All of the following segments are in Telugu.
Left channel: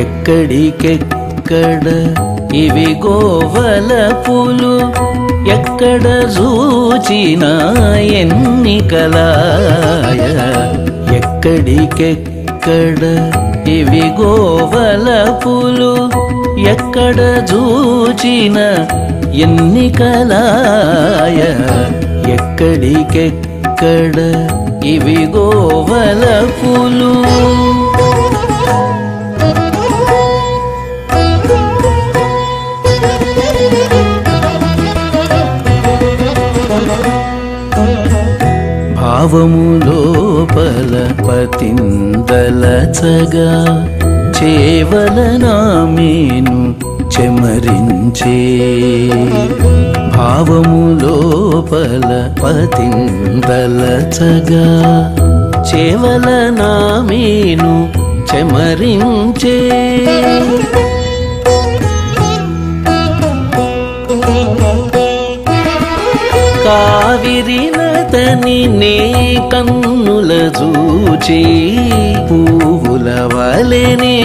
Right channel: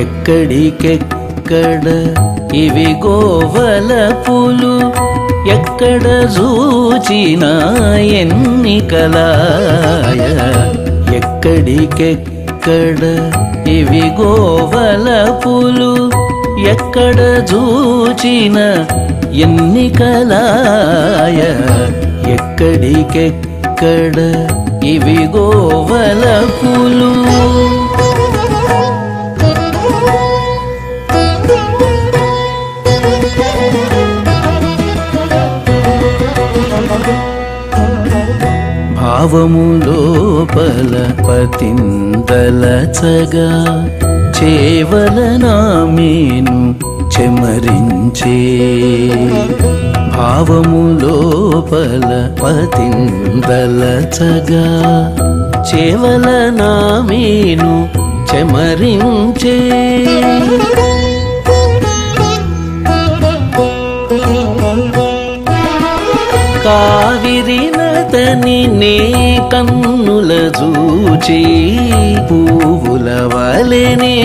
ఎక్కడికెక్కడ ఇవి గోవలపులు ఎక్కడ చూచినా ఎన్నికలాయ ఎక్కడికెక్కడ ఇవి గోవలపులు ఎక్కడ చూచినా ఎన్నికలాయ ఎక్కడికెక్కడ ఇవి గోవలపులు భావము లోపల పతిందలచగా చేవలనా మేను చెమరించే భావము లోపల పతిందలచగా చేవలనా మేను చెమరించే కావిరినతని నే కన్నుల చూచి పువ్వుల వలెనే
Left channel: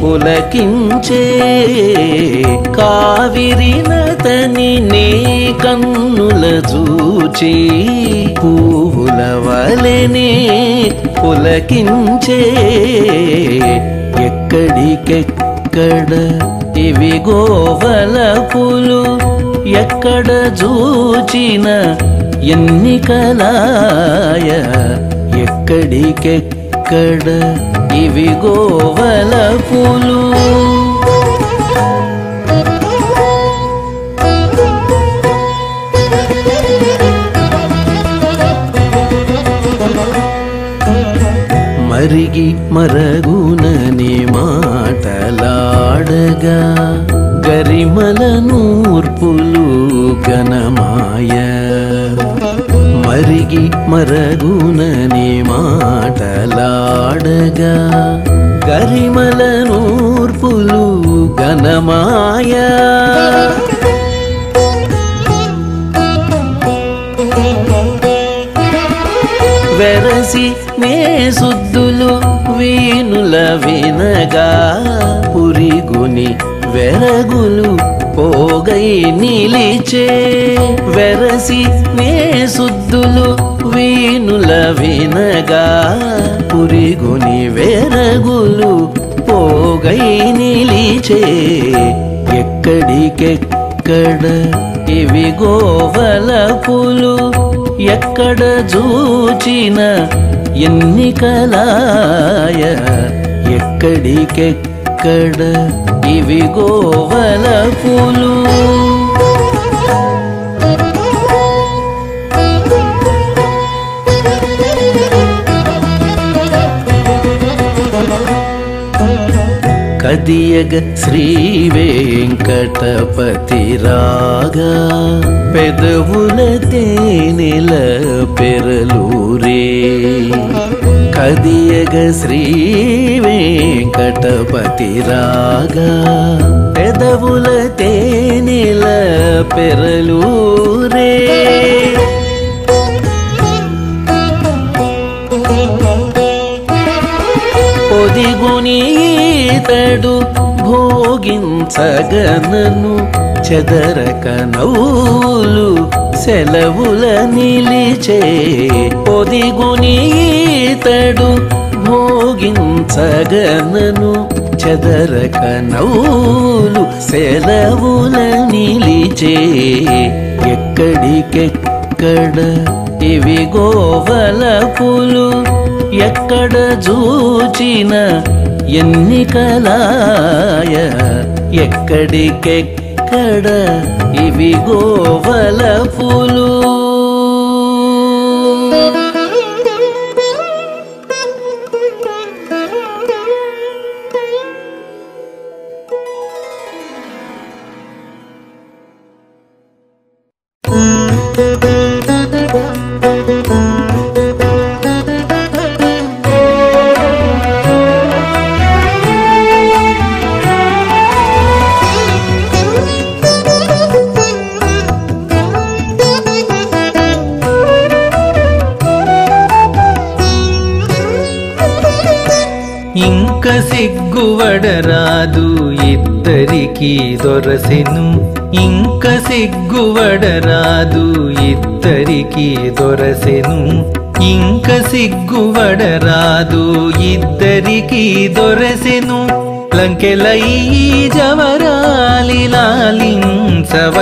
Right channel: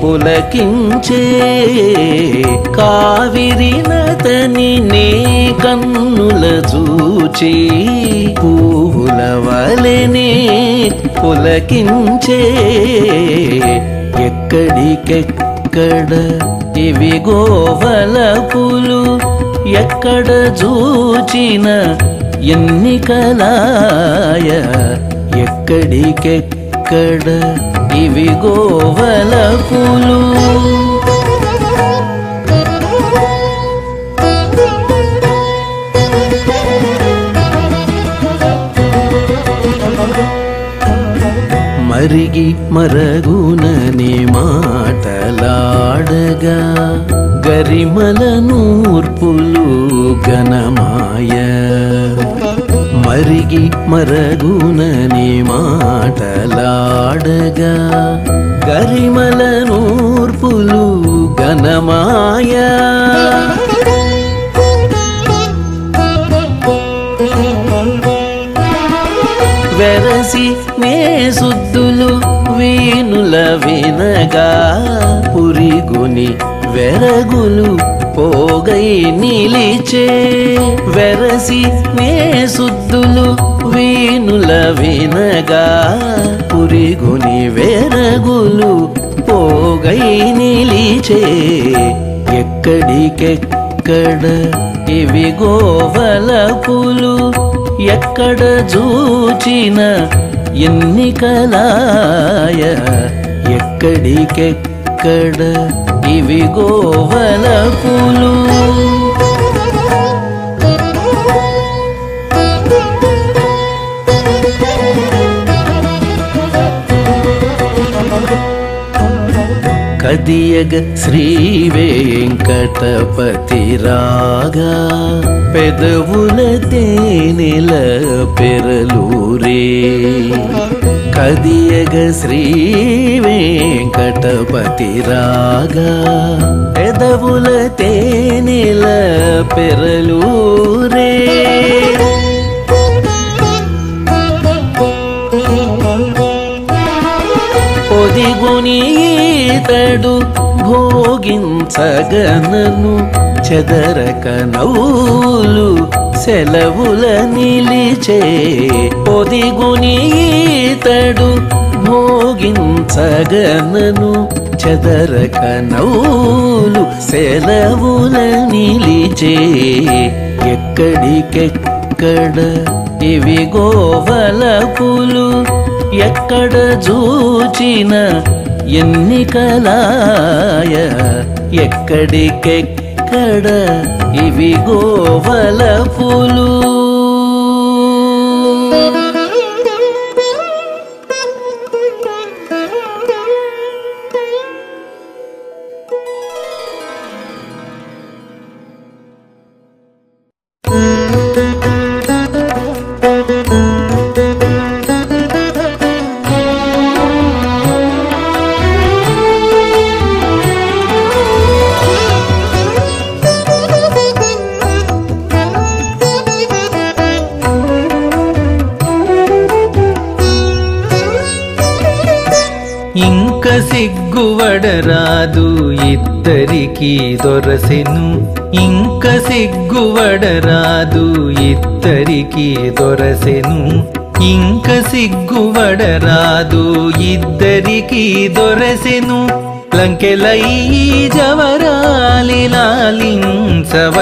పులకించే కావిరినతని నే కన్నుల చూచి పువ్వుల వలెనే పులకించే ఎక్కడికెక్కడ ఇవి గోవలపులు ఎక్కడ చూచిన ఎన్నికలాయ ఎక్కడికెక్కడ ఇవి గోవలపులు మరిగి మరగునని మాటలాడగా గరిమల నూర్పులు గణమాయ మరిగి మరగునని మాటలాడగా గరిమల నూర్పులు గణమాయ వెరసి నే సుద్దులు వీనుల వినగా పురిగుని వెరగులు పోగై నిలిచే వెరసి నే సుద్దులు వీనుల వినగా పురిగుని వెరగులు పోగై నిలిచే ఎక్కడికెక్కడ ఇవి గోవలపులు ఎక్కడ చూచిన ఎన్నికలాయ ఎక్కడికెక్కడ ఇవి గోవలపులు కదియగ శ్రీ వెంకటపతి రాగా పెదవుల తేనెల పెరలూరే కదియగ శ్రీ వెంకటపతి రాగా పెదవుల తేనెల పెరలూరే పొదిగొని ఈతడు భోగించగనను చెదరక నవ్వులు సెలవుల నిలిచే పొదిగొని ఈతడు భోగించగనను చెదరక నవ్వులు సెలవుల నిలిచే ఎక్కడికెక్కడ ఇవి గోవలపులు ఎక్కడ చూచిన ఎన్నికలాయ ఎక్కడికెక్కడ ఇవి గోవలపులు ఇంక సిగ్గువడరాదు ఇద్దరికి దొరసెను ఇంక సిగ్గువడరాదు ఇద్దరికి దొరసెను ఇంక సిగ్గువడరాదు ఇద్దరికి దొరసెను లంకెలై జవరాలి లాలించవయ్యా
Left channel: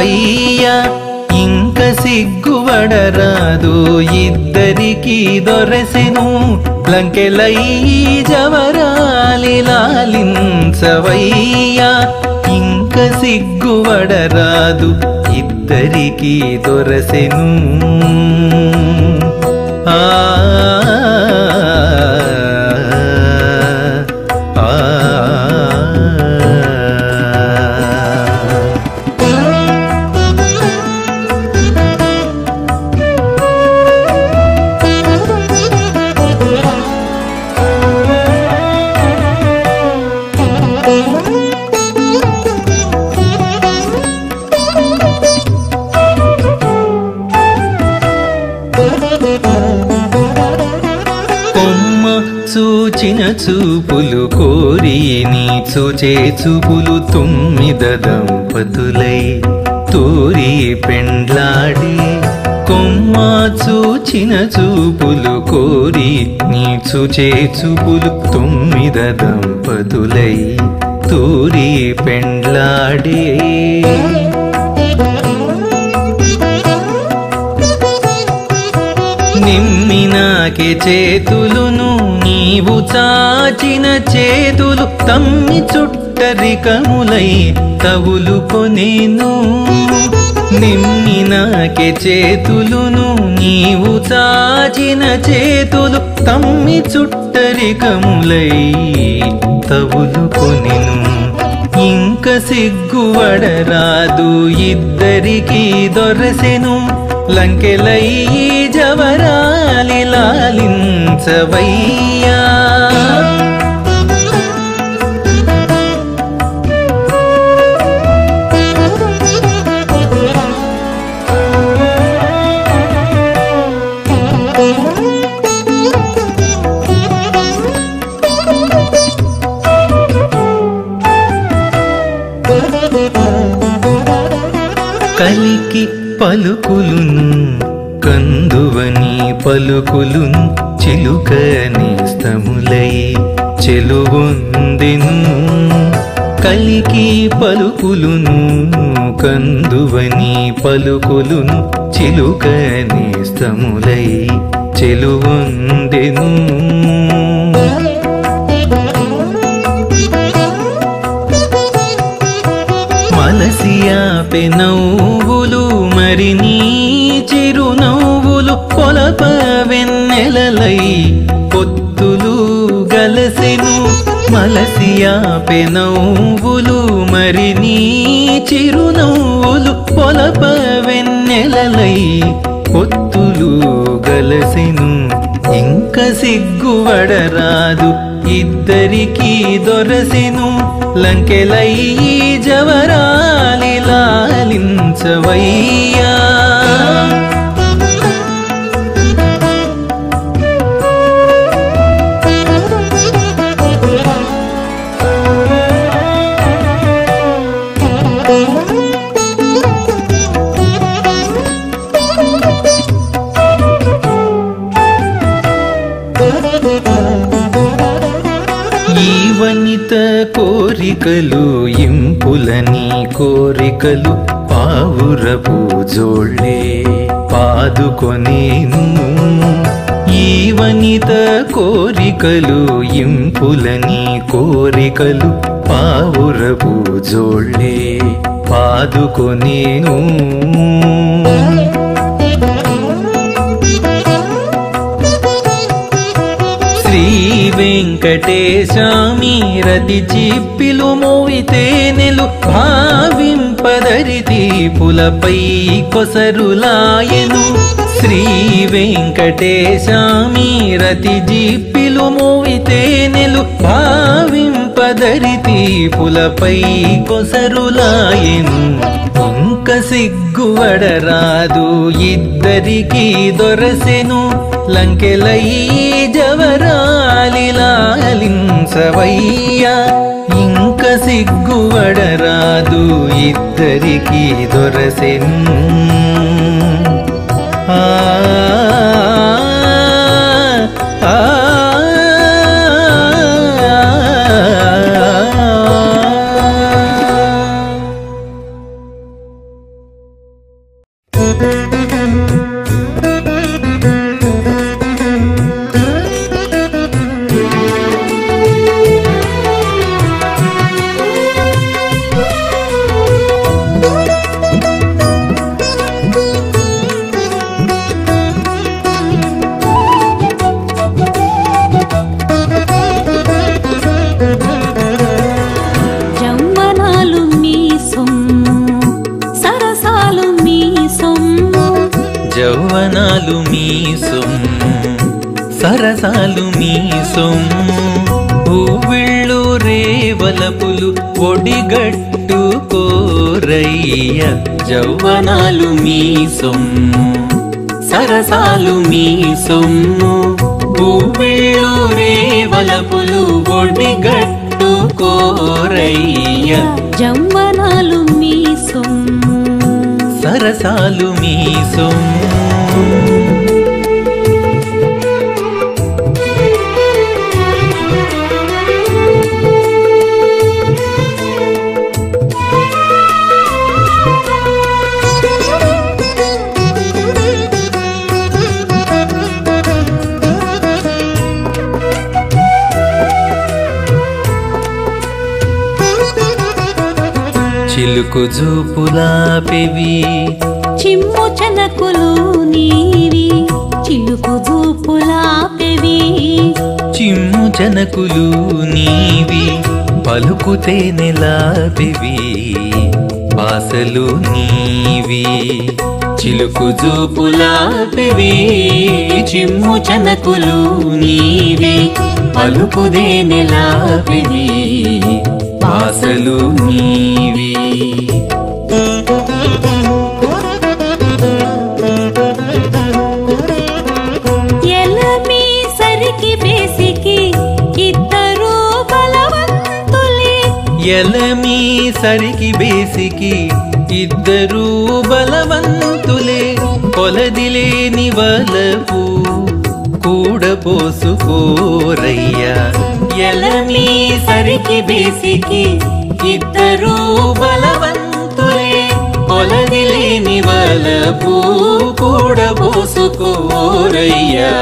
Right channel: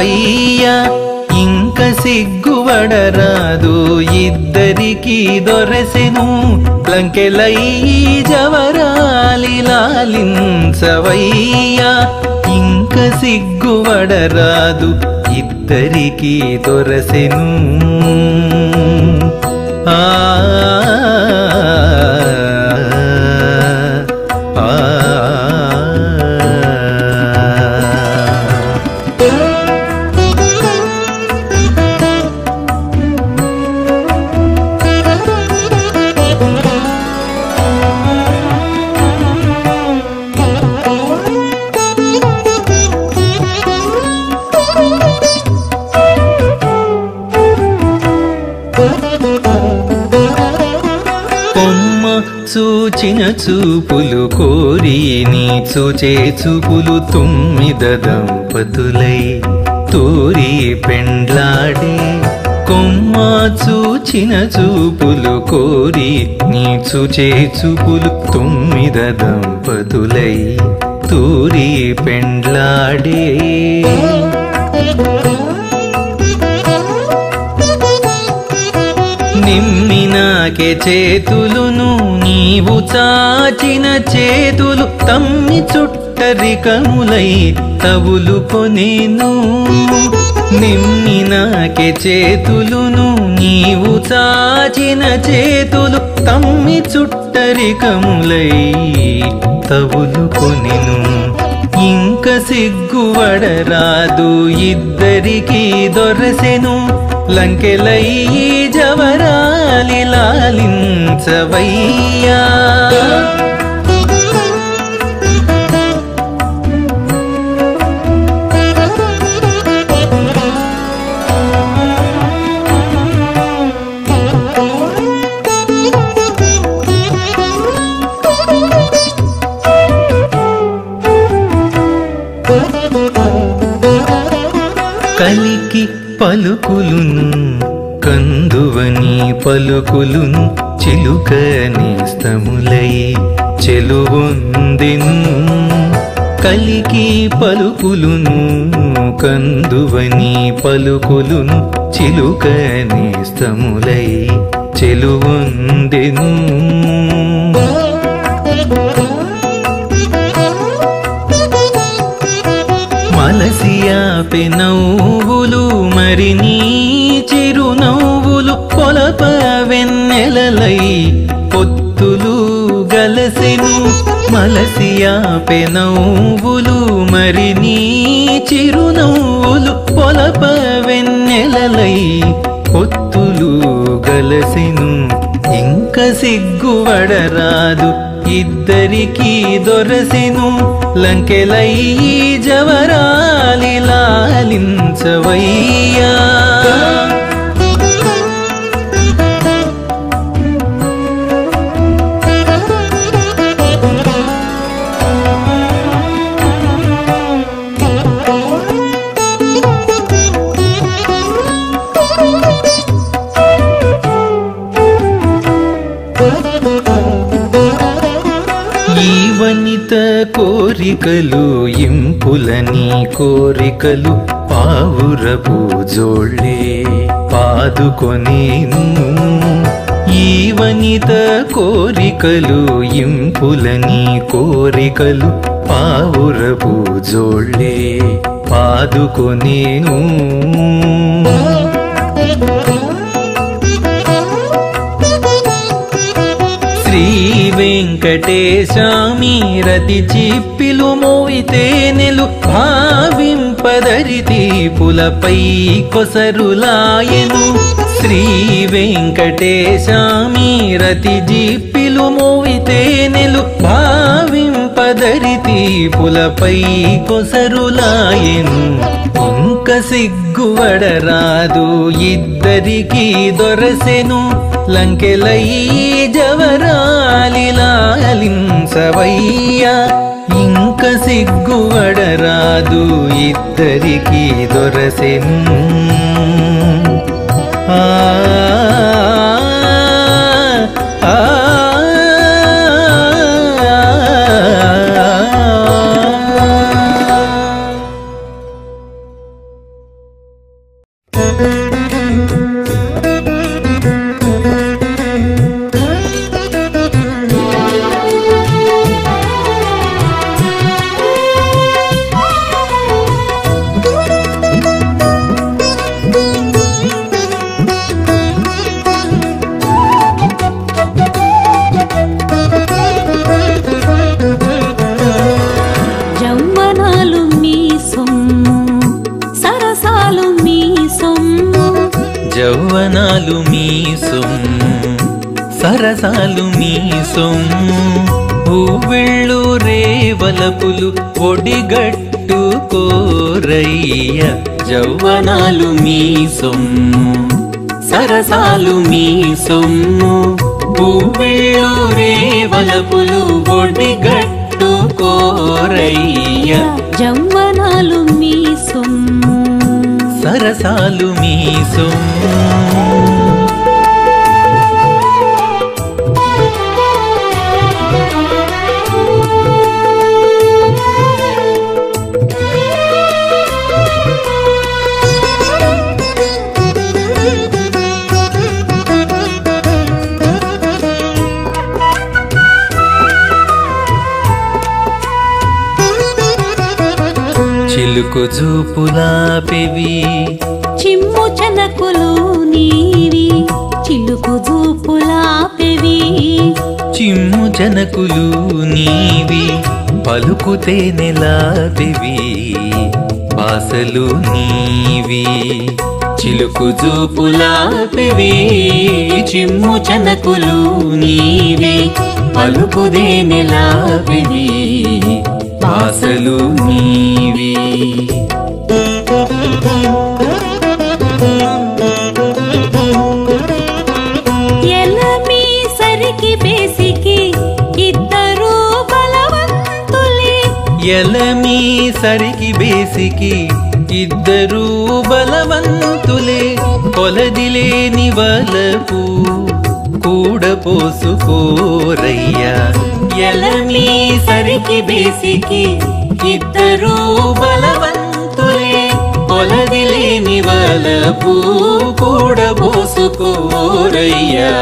ఇంక సిగ్గువడరాదు ఇద్దరికి దొరసెను లంకెలై జవరాలి లాలించవయ్యా ఇంక సిగ్గువడరాదు ఇద్దరికి దొరసెను ఆ కొమ్మ చూచిన చూపులు కోరి నీ చూచే చూపులు తొమ్మిద దంపతులై తూరి పెండ్లాడే కొమ్మ చూచిన చూపులు కోరి నీ చూచే చూపులు తొమ్మిద దంపతులై తూరి పెండ్లాడే నిమ్మినాకే చేతులును నీవు చాచిన చేతులు తమ్మి చుట్టరికములై తవులు కొనేను నిమ్మినాకే చేతులును నీవు చాచిన చేతులు తమ్మి చుట్టరికములై తవులు కొనెను ఇంక సిగ్గువడరాదు ఇద్దరికి దొరసెను లంకెలై జవరాలి లాలించవయ్యా కలికి పలుకులును కందువని పలుకులును చిలుక నేస్తములై చెలువొందెను కలికి పలుకులును కందువని పలుకులును చిలుక నేస్తములై చెలువొందెను మలసియా పెనవ్వులు మరి నీ చిరునవ్వులు పొలప వెన్నెలలై పొత్తులు గలసెను మలసియా పెనవ్వులు మరి నీ చిరునవ్వులు పొలప వెన్నెలలై పొత్తులు గలసెను ఇంక సిగ్గువడరాదు ఇద్దరికి దొరసెను లంకెలై జవరాలి లాలించవయ్యా ఈ వనిత కోరికలు ఇంపులని కోరికలు పావురపు జోళ్ళే పాదుకొనేను ఈ వనిత కోరికలు ఇంపులని కోరికలు పావురపు జోళ్ళే పాదుకొనేను శ్రీ వెంకటేశామి రతి చిప్పిలు మోవితేనెలు భావింపదరితి పులపై కొసరులాయెను శ్రీ వెంకటేశామి రతి జిప్పిలు మోవితేనెలు భావింపదరితి పులపై కొసరులాయెను ఇంక సిగ్గువడరాదు ఇద్దరికి దొరసెను లంకెలై జవరాలిలాలించవయ్యా ఇంక సిగ్గువడరాదు ఇద్దరికి దొరసెను ఆ ఆ జౌవనాలు మీ సొమ్ము సరసాలు మీ సొమ్ము జౌవనాలు మీ సొమ్ము సరసాలు మీ సొమ్ము ఊవిళ్ళు రేవలపులు ఒడిగట్టు కోరయ్య జౌవనాలు మీ సొమ్ము సరసాలు మీ సొమ్ము ఊవిళ్ళు రేవలపులు ఒడిగట్టు కోరయ్య జౌవనాలు మీ సొమ్ము సరసాలు మీ సొమ్ము చిలుకు జూపులా పెవి చిమ్ము చెనకులు నీవి చిలుకు జూపులా పెవి చిమ్ము జనకులు నీవి పలుకుతే నెలాపెవి బాసలు నీవి చిలుకు జూపులాపెవి చిమ్ము చనకులు నీవి పలుకుదే నెలాపెవి బాసలు నీవి ఎలమి సరికి బేసికి ఇద్దరు బలవంతులే ఎలమి సరికి బేసికి ఇద్దరు బలవంతులే కొలదిలేని వలపు కూడపోసుకోరయ్యా ఎలమి సరికి బేసికి ఇద్దరు బలవంతులే కొలదిలేని వలపు కూడపోసుకోరయ్యా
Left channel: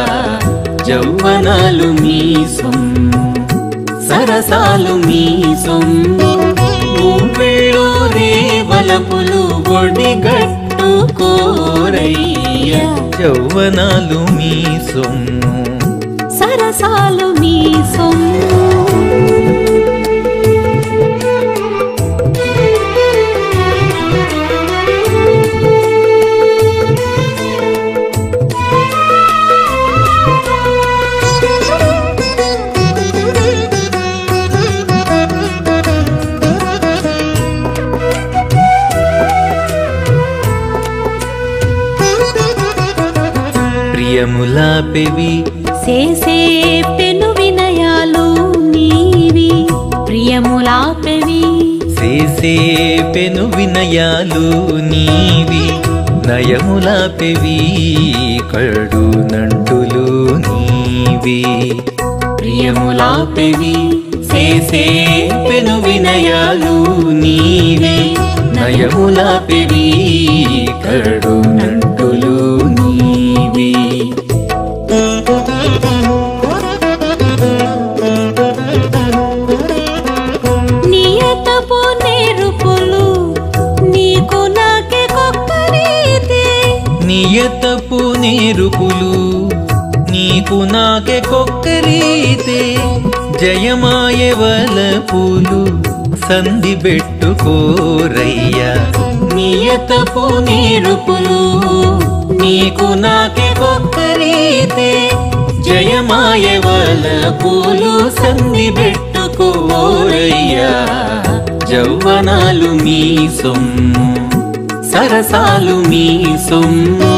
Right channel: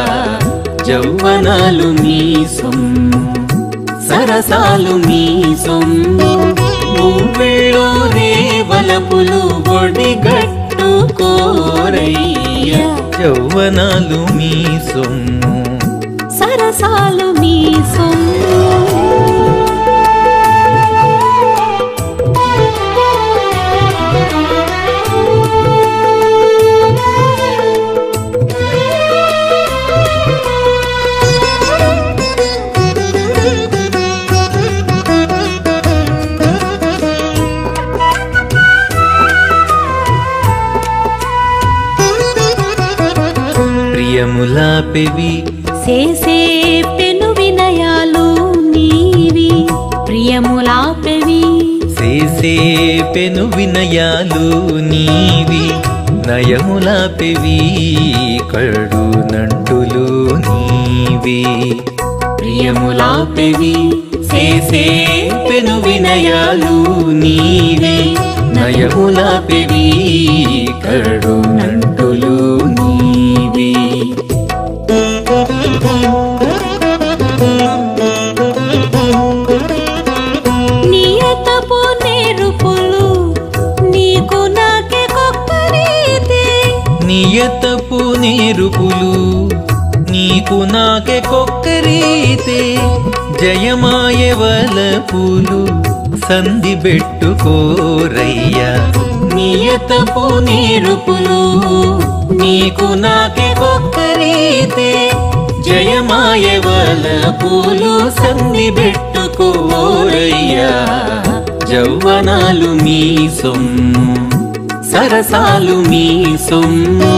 జౌవనాలు మీ సొమ్ము సరసాలు మీ సొమ్ము ఊవిళ్ళు రేవలపులు ఒడిగట్టు కోరయ్యా జౌవనాలు మీ సొమ్ము సరసాలు మీ సొమ్ము ప్రియములాపెవి చేసే పెను వినయాలు నీవి ప్రియములాపెవి చేసే పెను వినయాలు నీవి నయములాపెవి కడు నంటులు నీవి ప్రియములాపెవి చేసే పెను వినయాలు నీవి నయములాపెవి కడు నంటులు నీవి నియతపు నేరుపులు నీకు నాకే కొక్కరీతే నియతపు నేరుపులు నీకు నాకే కొక్కరీతే జయమాయ వలపులు సంధి పెట్టుకోరయ్యా నియతపు నేరుపులు నీకు నాకే కొక్కరీతే జయమాయ వలపులు సంధి పెట్టుకోరయ్యా జౌవనాలు మీ సొమ్ము సరసాలు మీ సొమ్ము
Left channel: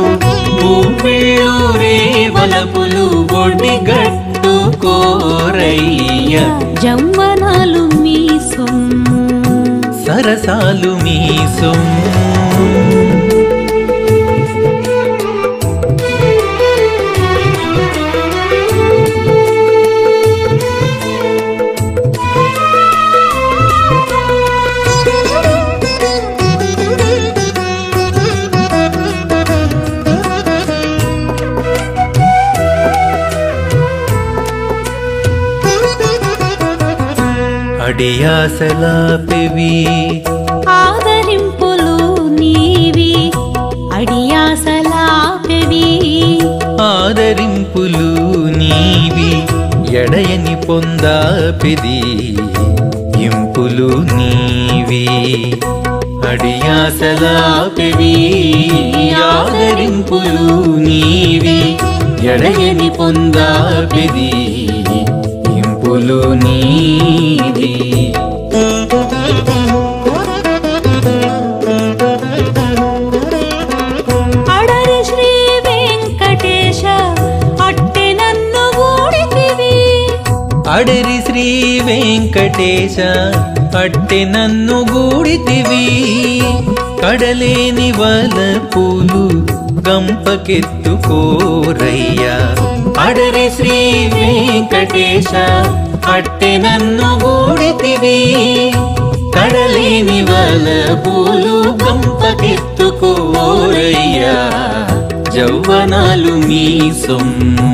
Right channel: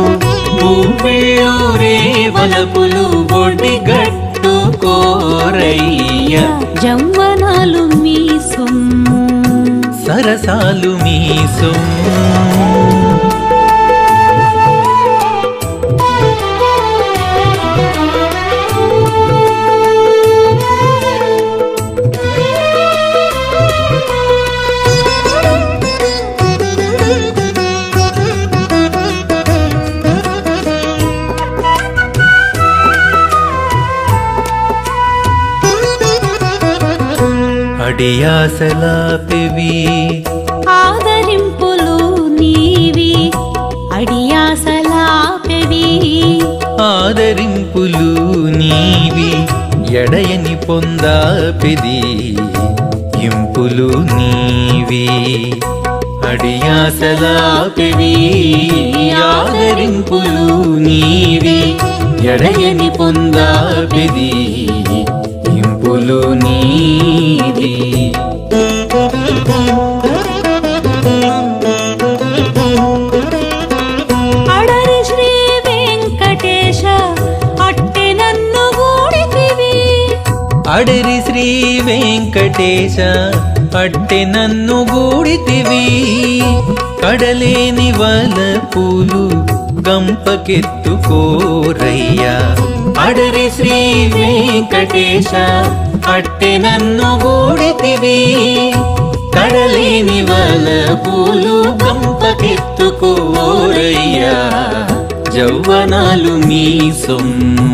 పువ్వేళూరే వలపులు ఒడిగట్టు కోరయ్య జవ్వనాలు మీ సొమ్ము సరసాలు మీ సొమ్ము అడియాసలాపెవి ఆదరింపులు నీవి అడియాసలాపెవి ఆదరింపులు నీవి ఎడయని పొందాపెది ఇంపులు నీవి అడియాసలాపెవి ఆదరింపులు నీవి ఎడయని పొందాపెది ఇంపులు నీవి అడరి శ్రీ వెంకటేశ అట్టె నన్ను గూడితివి అడరి శ్రీ వెంకటేశ అట్టె నన్ను గూడితివి కడలేని వలపులు గంపకెత్తుకోరయ్యా అడరి శ్రీ వెంకటేశ అట్టె నన్ను గూడితివి కడలేని వలపులు గంపకెత్తుకోరయ్యా జవ్వనాలు మీ సొమ్ము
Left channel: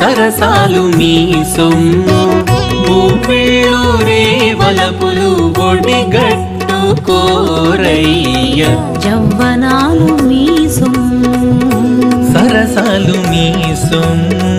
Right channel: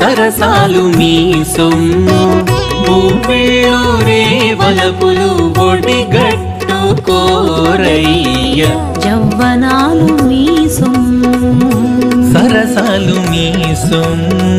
సరసాలు మీ సొమ్ము పువ్వేళూరే వలపులు ఒడిగట్టు కోరయ్య జవ్వనాలు మీ సొమ్ము సరసాలు మీ సొమ్ము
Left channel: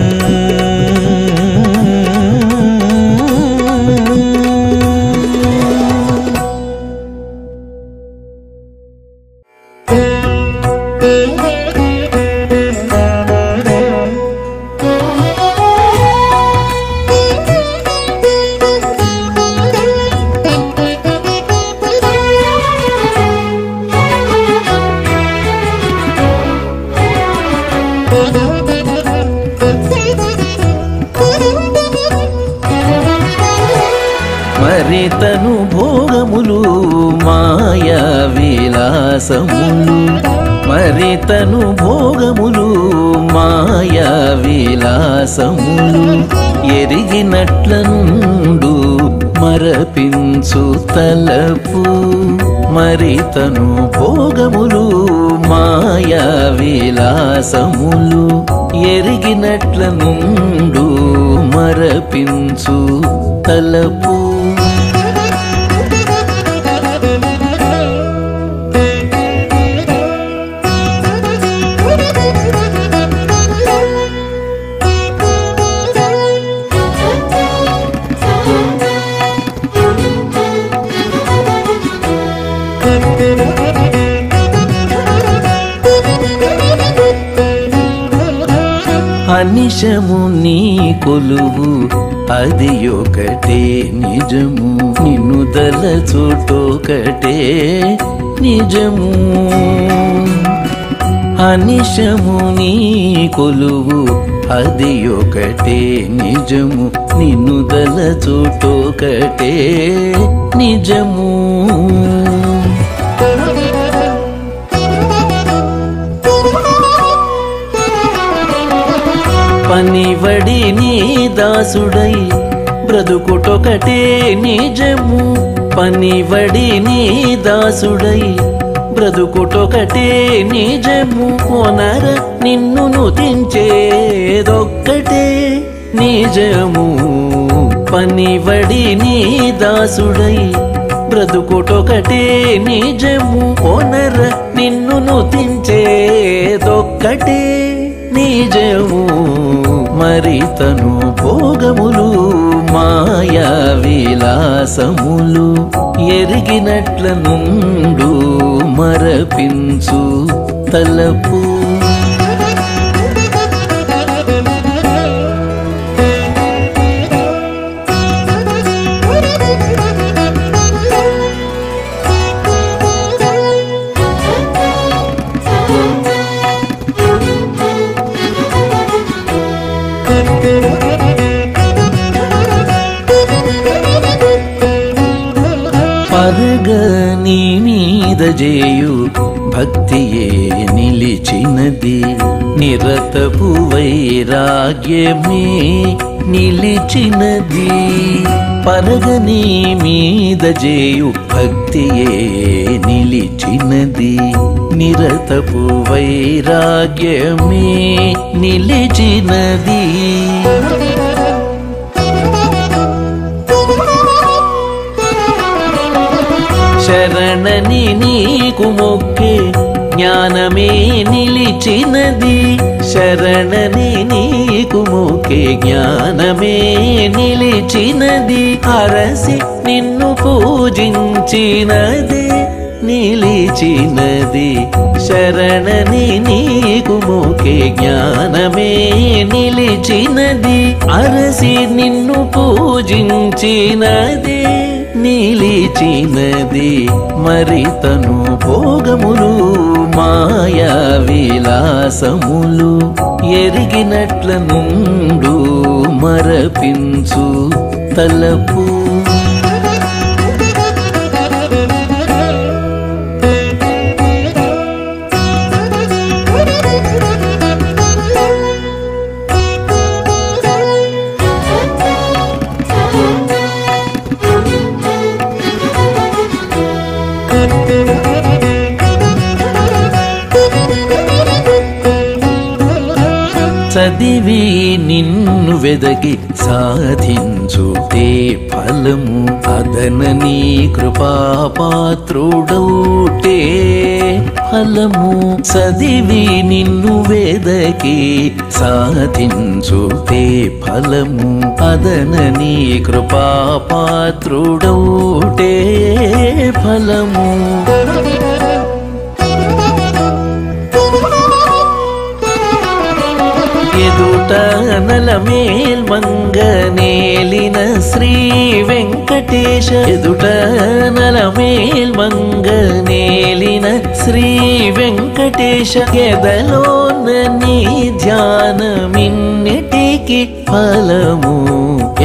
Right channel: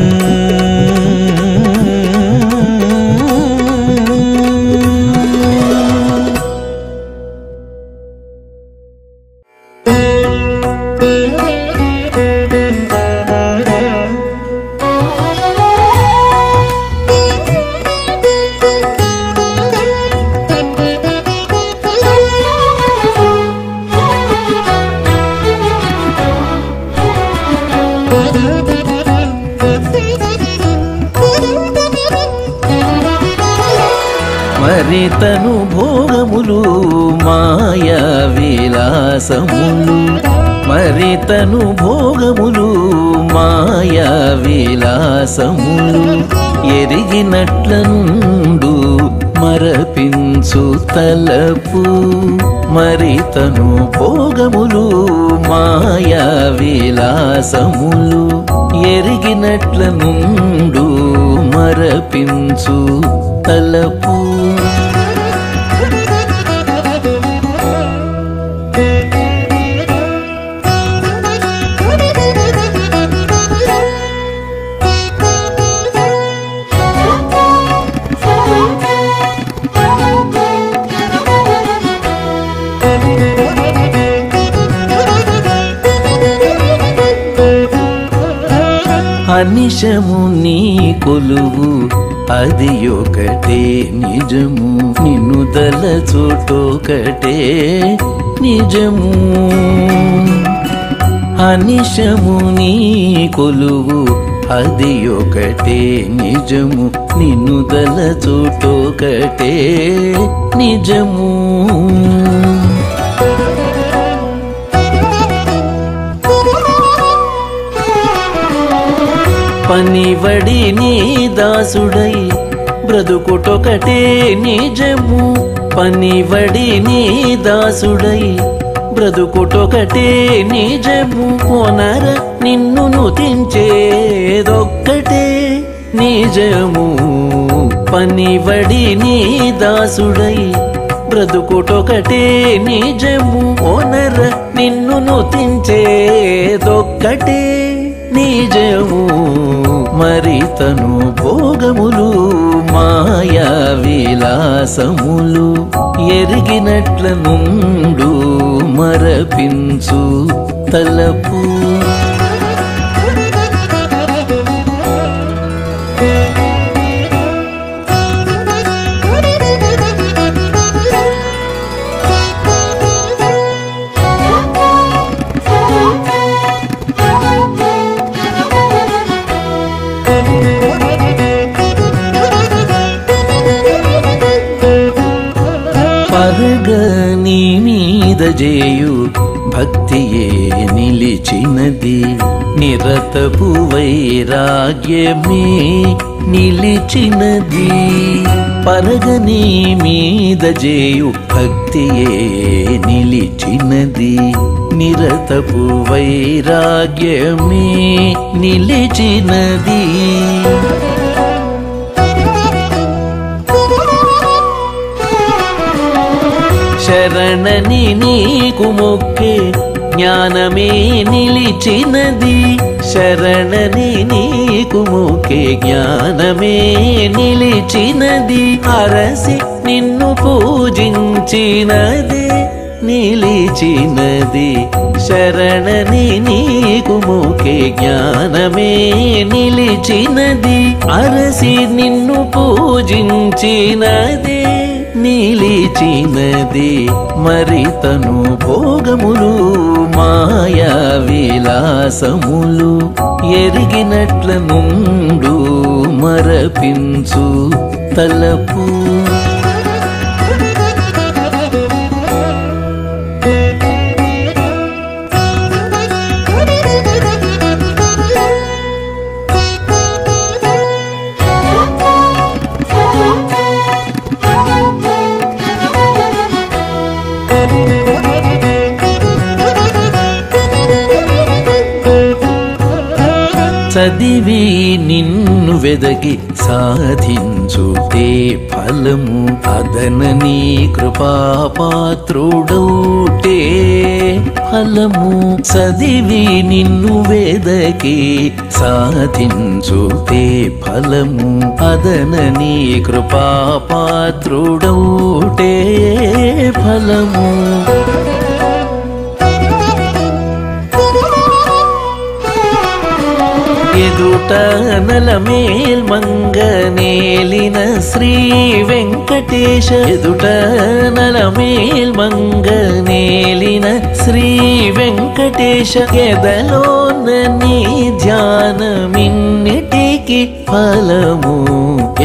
మరితను భోగములు మాయా విలాసములు మరితను భోగములు మాయా విలాసములు ఎరిగినట్ల నుండు మరపించు తలపు మరితను భోగములు మాయా విలాసములు ఎరిగినట్ల నుండు మరపించు తలపు అనిశము నీ కొలువు అది ఒకటే నిజము నిన్ను దలచోటొకటే నిజము అనిశము నీ కొలువు అది ఒకటే నిజము నిన్ను దలచోటొకటే నిజము పనివడి నీ దాసుడై బ్రతుకుటొకటే నిజము పనివడి నీ దాసుడై బ్రతుకుటొకటే నిజము కొనర నిన్ను నుతించేదొక్కటే నిజము పనివడి నీ దాసుడై బ్రతుకుటొకటే నిజము కొనర నిన్ను నుతించేదొక్కటే నిజము మరితను భోగములు మాయా విలాసములు ఎరిగినట్ల నుండు మరపించు తలపు అరగని మీద జేయు భక్తియే నిలిచినది నిరతపు వైరాగ్యమే నిలిచినది పరగని మీద జేయు భక్తియే నిలిచినది నిరతపు వైరాగ్యమే నిలిచినది శరణని నీకు మొక్కే జ్ఞానమే నిలిచినది శరణని నీకు మొక్కే జ్ఞానమే నిలిచినది అరసి నిన్ను పూజించినదే నిలిచినది శరణని నీకు మొక్కే జ్ఞానమే నిలిచినది అరసి నిన్ను పూజించినదే నిలిచినది మరి తను భోగములు మాయా విలాసములు ఎరిగినట్ల నుండు మరపించు తలపు చదివి నిన్ను వెదకి సాధించుతే ఫలము అదనని కృపాపాత్రుడౌటే ఫలము చదివి నిన్ను వెదకి సాధించుతే ఫలము అదనని కృపాపాత్రుడౌటే ఫలము ఎదుట నలమేల్ మంగనేలిన శ్రీ వెంకటేశ ఎదుట నలమేల్ మంగనేలిన శ్రీ వెంకటేశ ఎదలోన నీ ధ్యానమిన్నిటికి ఫలము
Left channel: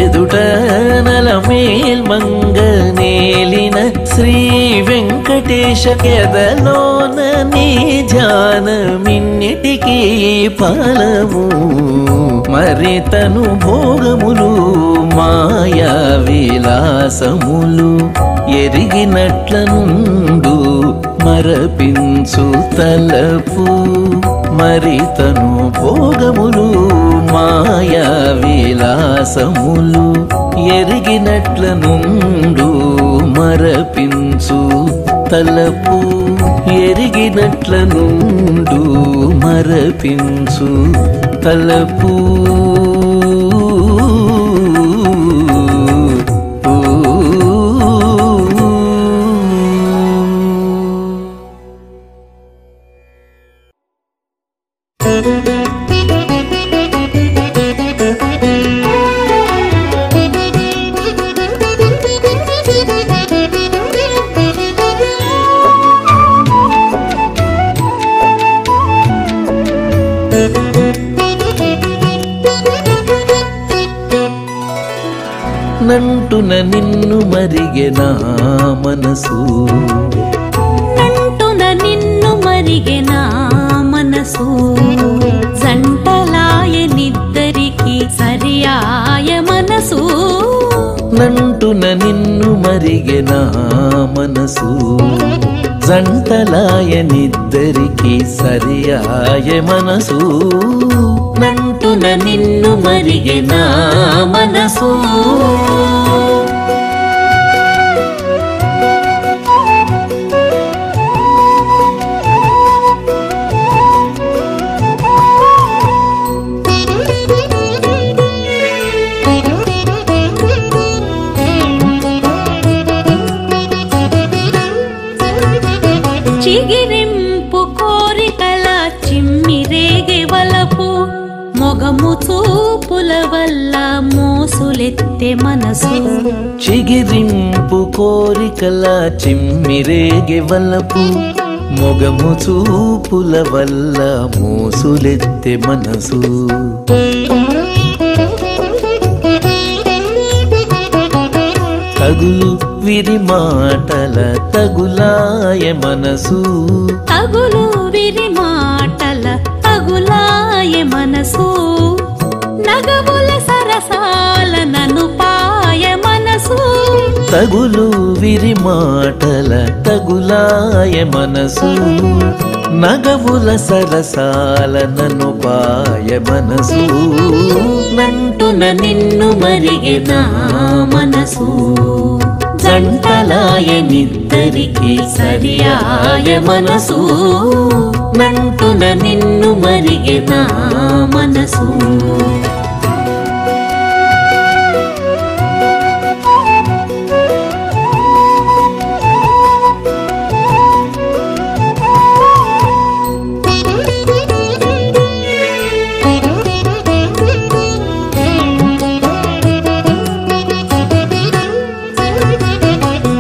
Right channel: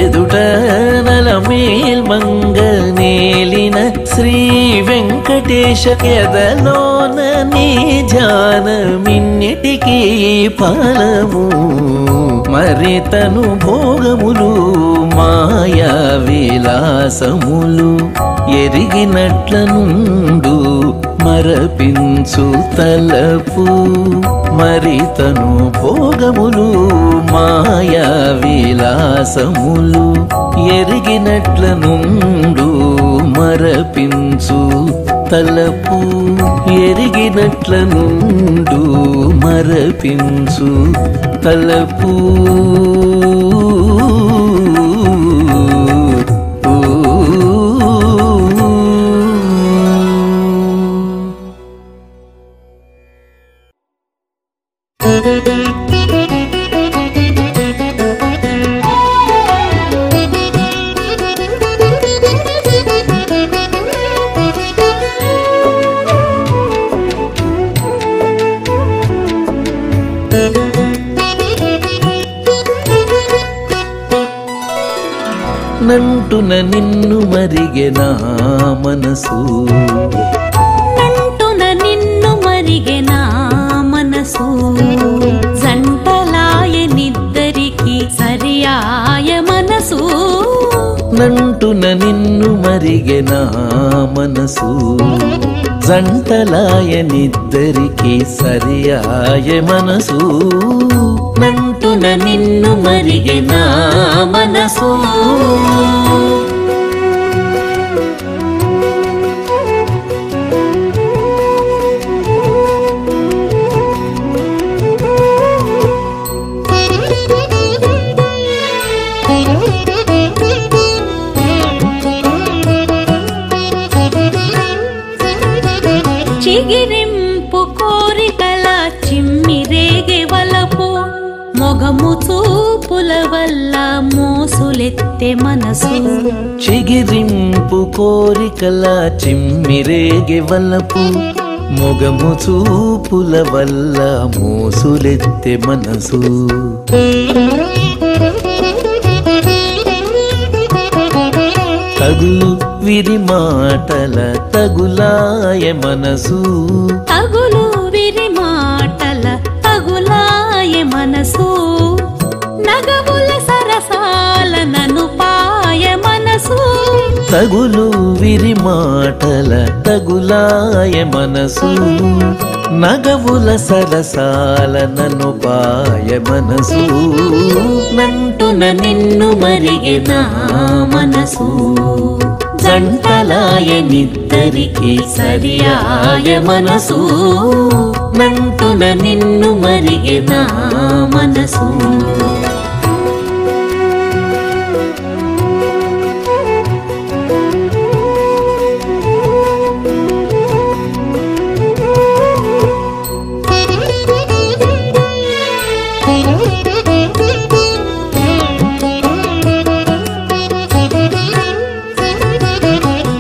ఎదుట నలమేల్ మంగనేలిన శ్రీ వెంకటేశ ఎదలోన నీ ధ్యానమిన్నిటికి ఫలము మరి తను భోగములు మాయా విలాసములు ఎరిగినట్ల నుండు మరపించు తలపు మరి తను భోగములు మాయా విలాసములు ఎరిగినట్ల నుండు మరపించు తలపు ఎరిగినట్ల నుండు మరపించు తలపు నంటున నిన్ను మరిగే నా మనసు నంటున నిన్ను మరిగే నా మనసు జంటలాయ నిద్దరికి సరియాయ మనసు నంటున నిన్ను మరిగే నా మనసు జంటలాయ నిద్దరికి సరియాయ మనసు నంటున నిన్ను మరిగే నా మనసు చిగిరింపు కోరికల చిమ్మిరేగే వలపు మొగము చూపుల వల్ల మోసులెత్తే మనసు చిగిరింపు కోరికల చిమ్మిరేగే వలపు మొగము చూపుల వల్ల మోసులెత్తే మనసు తగులు విరి మాటల తగులాయ మనసు తగులు విరి మాటల తగులాయ మనసు నగవుల సరసాల నను పాయ మనసు తగులు విరి మాటల తగులాయ మనసు నగవుల సరసాల నను పాయ మనసు నంటున నిన్ను మరిగే నా మనసు జంటలాయ నిద్దరికి సరియాయ మనసు నంటున నిన్ను మరిగే నా మనసు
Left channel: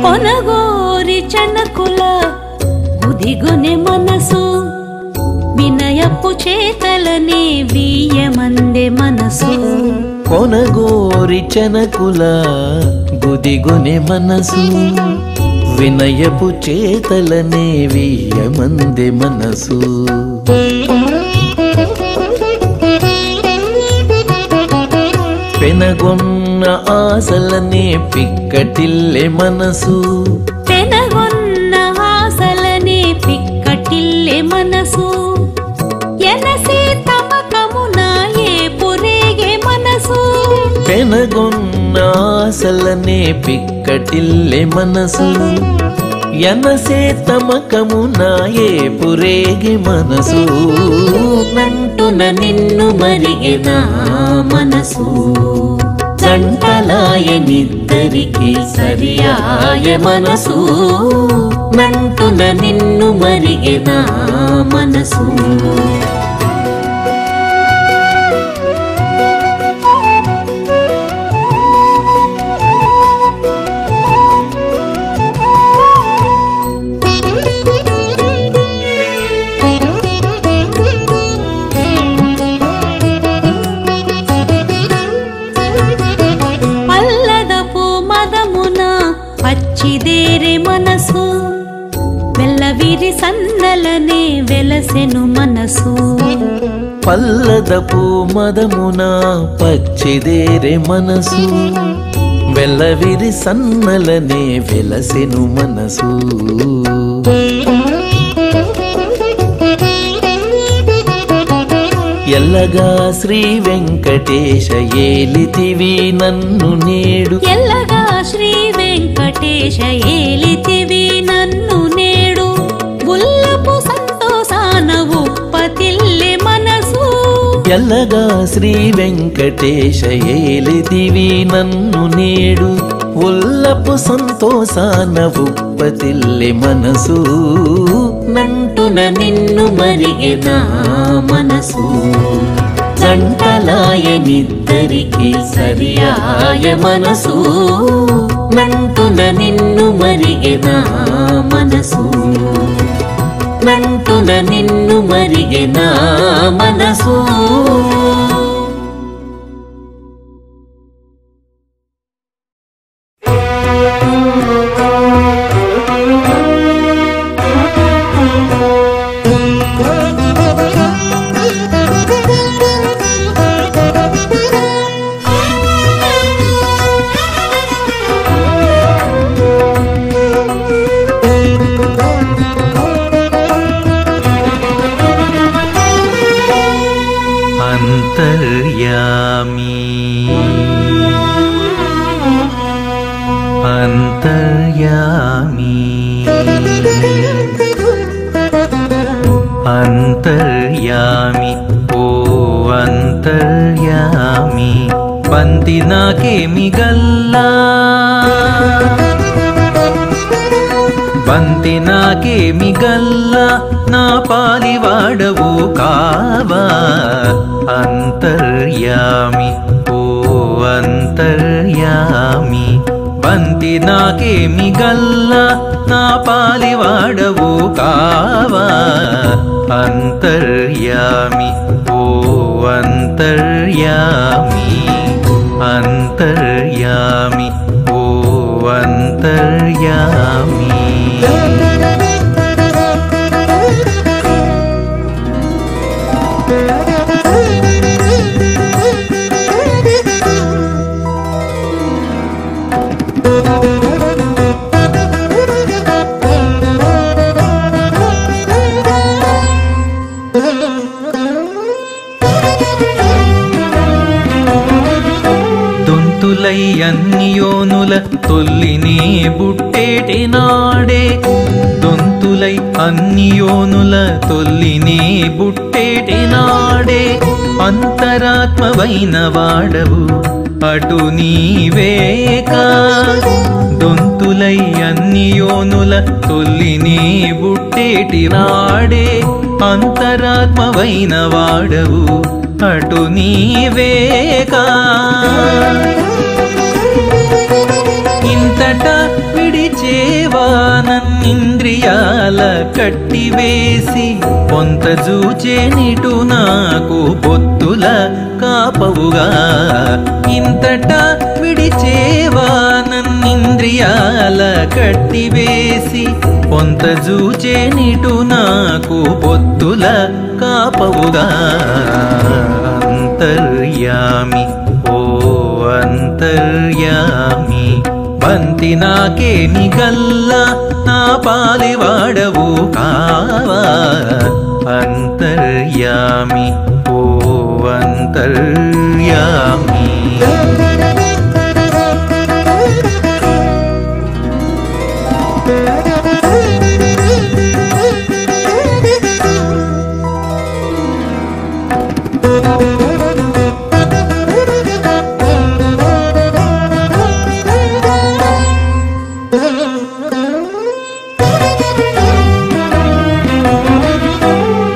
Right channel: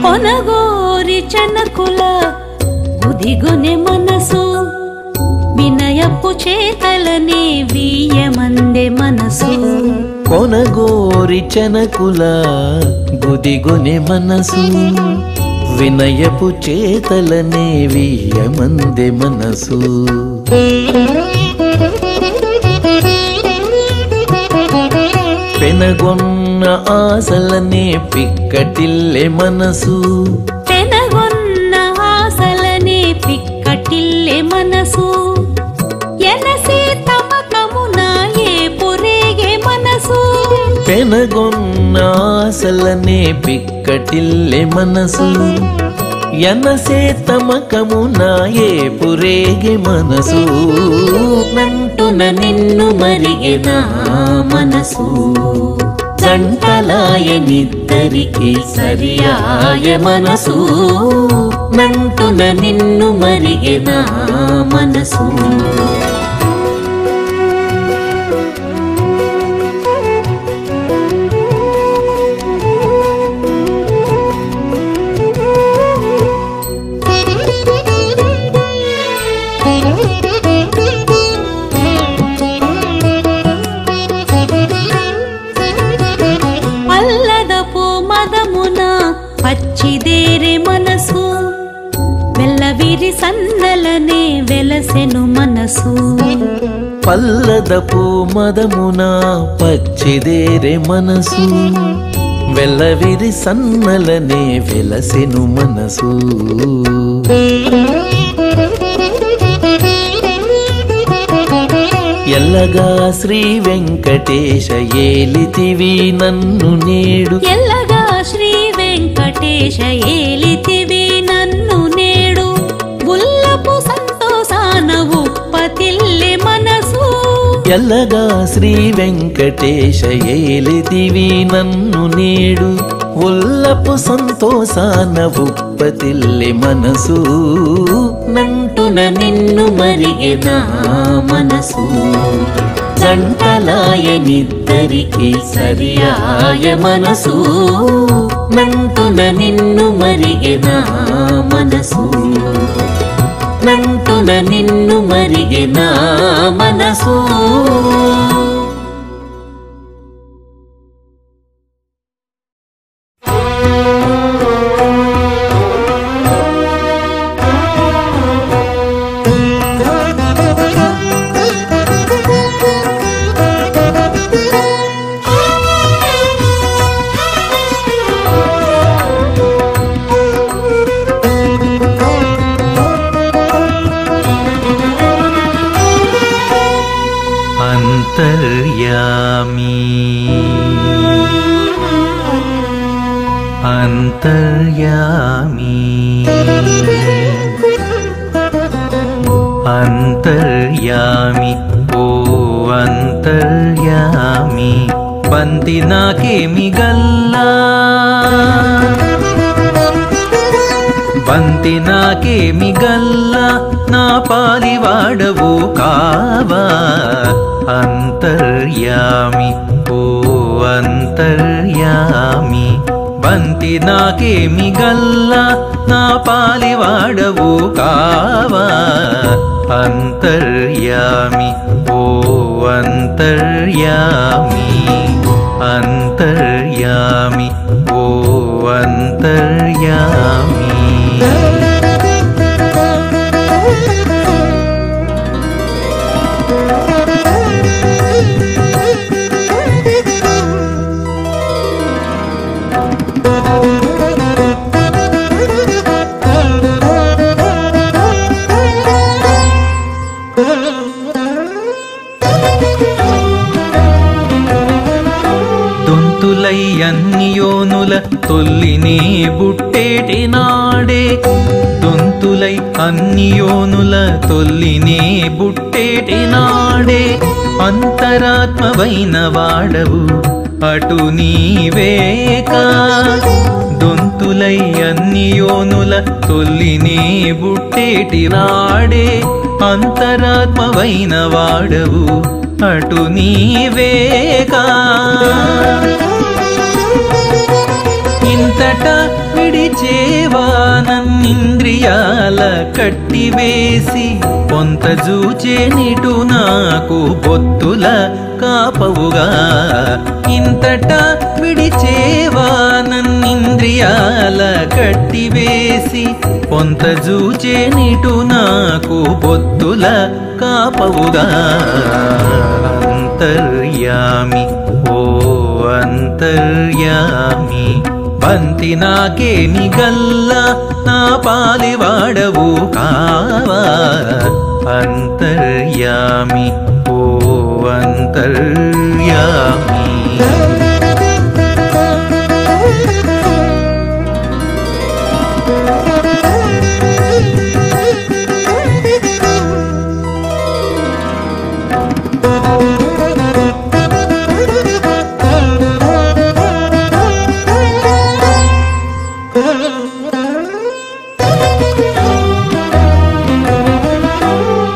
కొనగోరి చెనకుల గుదిగొనె మనసు వినయపు చేతలనే వీయమందే మనసు కొనగోరి చెనకుల గుదిగొనె మనసు వినయపు చేతలనే వీయమందే మనసు పెనగొన్న ఆశలనే పిక్కటిల్లె మనసు పెనగొన్న ఆశలనే పిక్కటిల్లె మనసు ఎనసే తమకమున ఏ పురేగే మనసు పెనగొన్న ఆశలనే పిక్కటిల్లె మనసు ఎనసే తమకమున ఏ పురేగే మనసు నంటున నిన్ను మరిగే నా మనసు జంటలాయ నిద్దరికి సరియాయ మనసు నంటున నిన్ను మరిగే నా మనసు పల్లదపు మదమున పచ్చిదేరే మనసు వెల్లవిరి సన్నలనే వెలసెను మనసు పల్లదపు మదమున పచ్చిదేరే మనసు వెల్లవిరి సన్నలనే వెలసెను మనసు ఎల్లగా శ్రీ వెంకటేశ ఏలితివి నన్ను నేడు ఎల్లగా శ్రీ వెంకటేశ ఏలితివి నన్ను నేడు ఉల్లపు సంతోషాన ఉప్పతిల్లె మనసు ఎల్లగా శ్రీ వెంకటేశ ఏలితివి నన్ను నేడు ఉల్లపు సంతోషాన ఉప్పతిల్లె మనసు నంటున నిన్ను మరిగే నా మనసు జంటలాయ నిద్దరికి సరియాయ మనసు నంటున నిన్ను మరిగే నా మనసు నంటున నిన్ను మరిగే నా మనసు अंतर्यामी अंतर्यामी अंतर्यामी ओ अंतर्यामी बंति नाकेमि गल्ला బంతి నాకేమి గల్లా నా పాలివాడవు కావా అంతర్యామి ఓ అంతర్యామి బంతి నాకేమి గల్లా నా పాలివాడవు కావా అంతర్యామి ఓ అంతర్యామి అంతర్యామి ఓ అంతర్యామి. దొంతులై అన్ని యోనుల తొల్లినే బుట్టేటి నాడే, దొంతులై అన్ని యోనుల తొల్లినే బుట్టేటి నాడే, అంతరాత్మవైన వాడవు అటు నీవేకా. దొంతులై అన్ని యోనుల తొల్లినే బుట్టేటి నాడే, అంతరాత్మవైన వాడవు అటు నీవేకా. ఇంతట విడిచేవా నన్నింద్రియాల కట్టివేసి, పొంత జూచే నిటు నాకు బొత్తుల కాపవుగా. ఇంతట విడిచేవా నన్నింద్రియాల కట్టివేసి, పొంత జూచే నిటు నాకు బొత్తుల కాపవుగా. అంతర్యామి ఓ అంతర్యామి, బంతి నాకేమి గల్ల నా పాలివాడవు కావా. అంతర్యామి ఓ అంతర్యామి.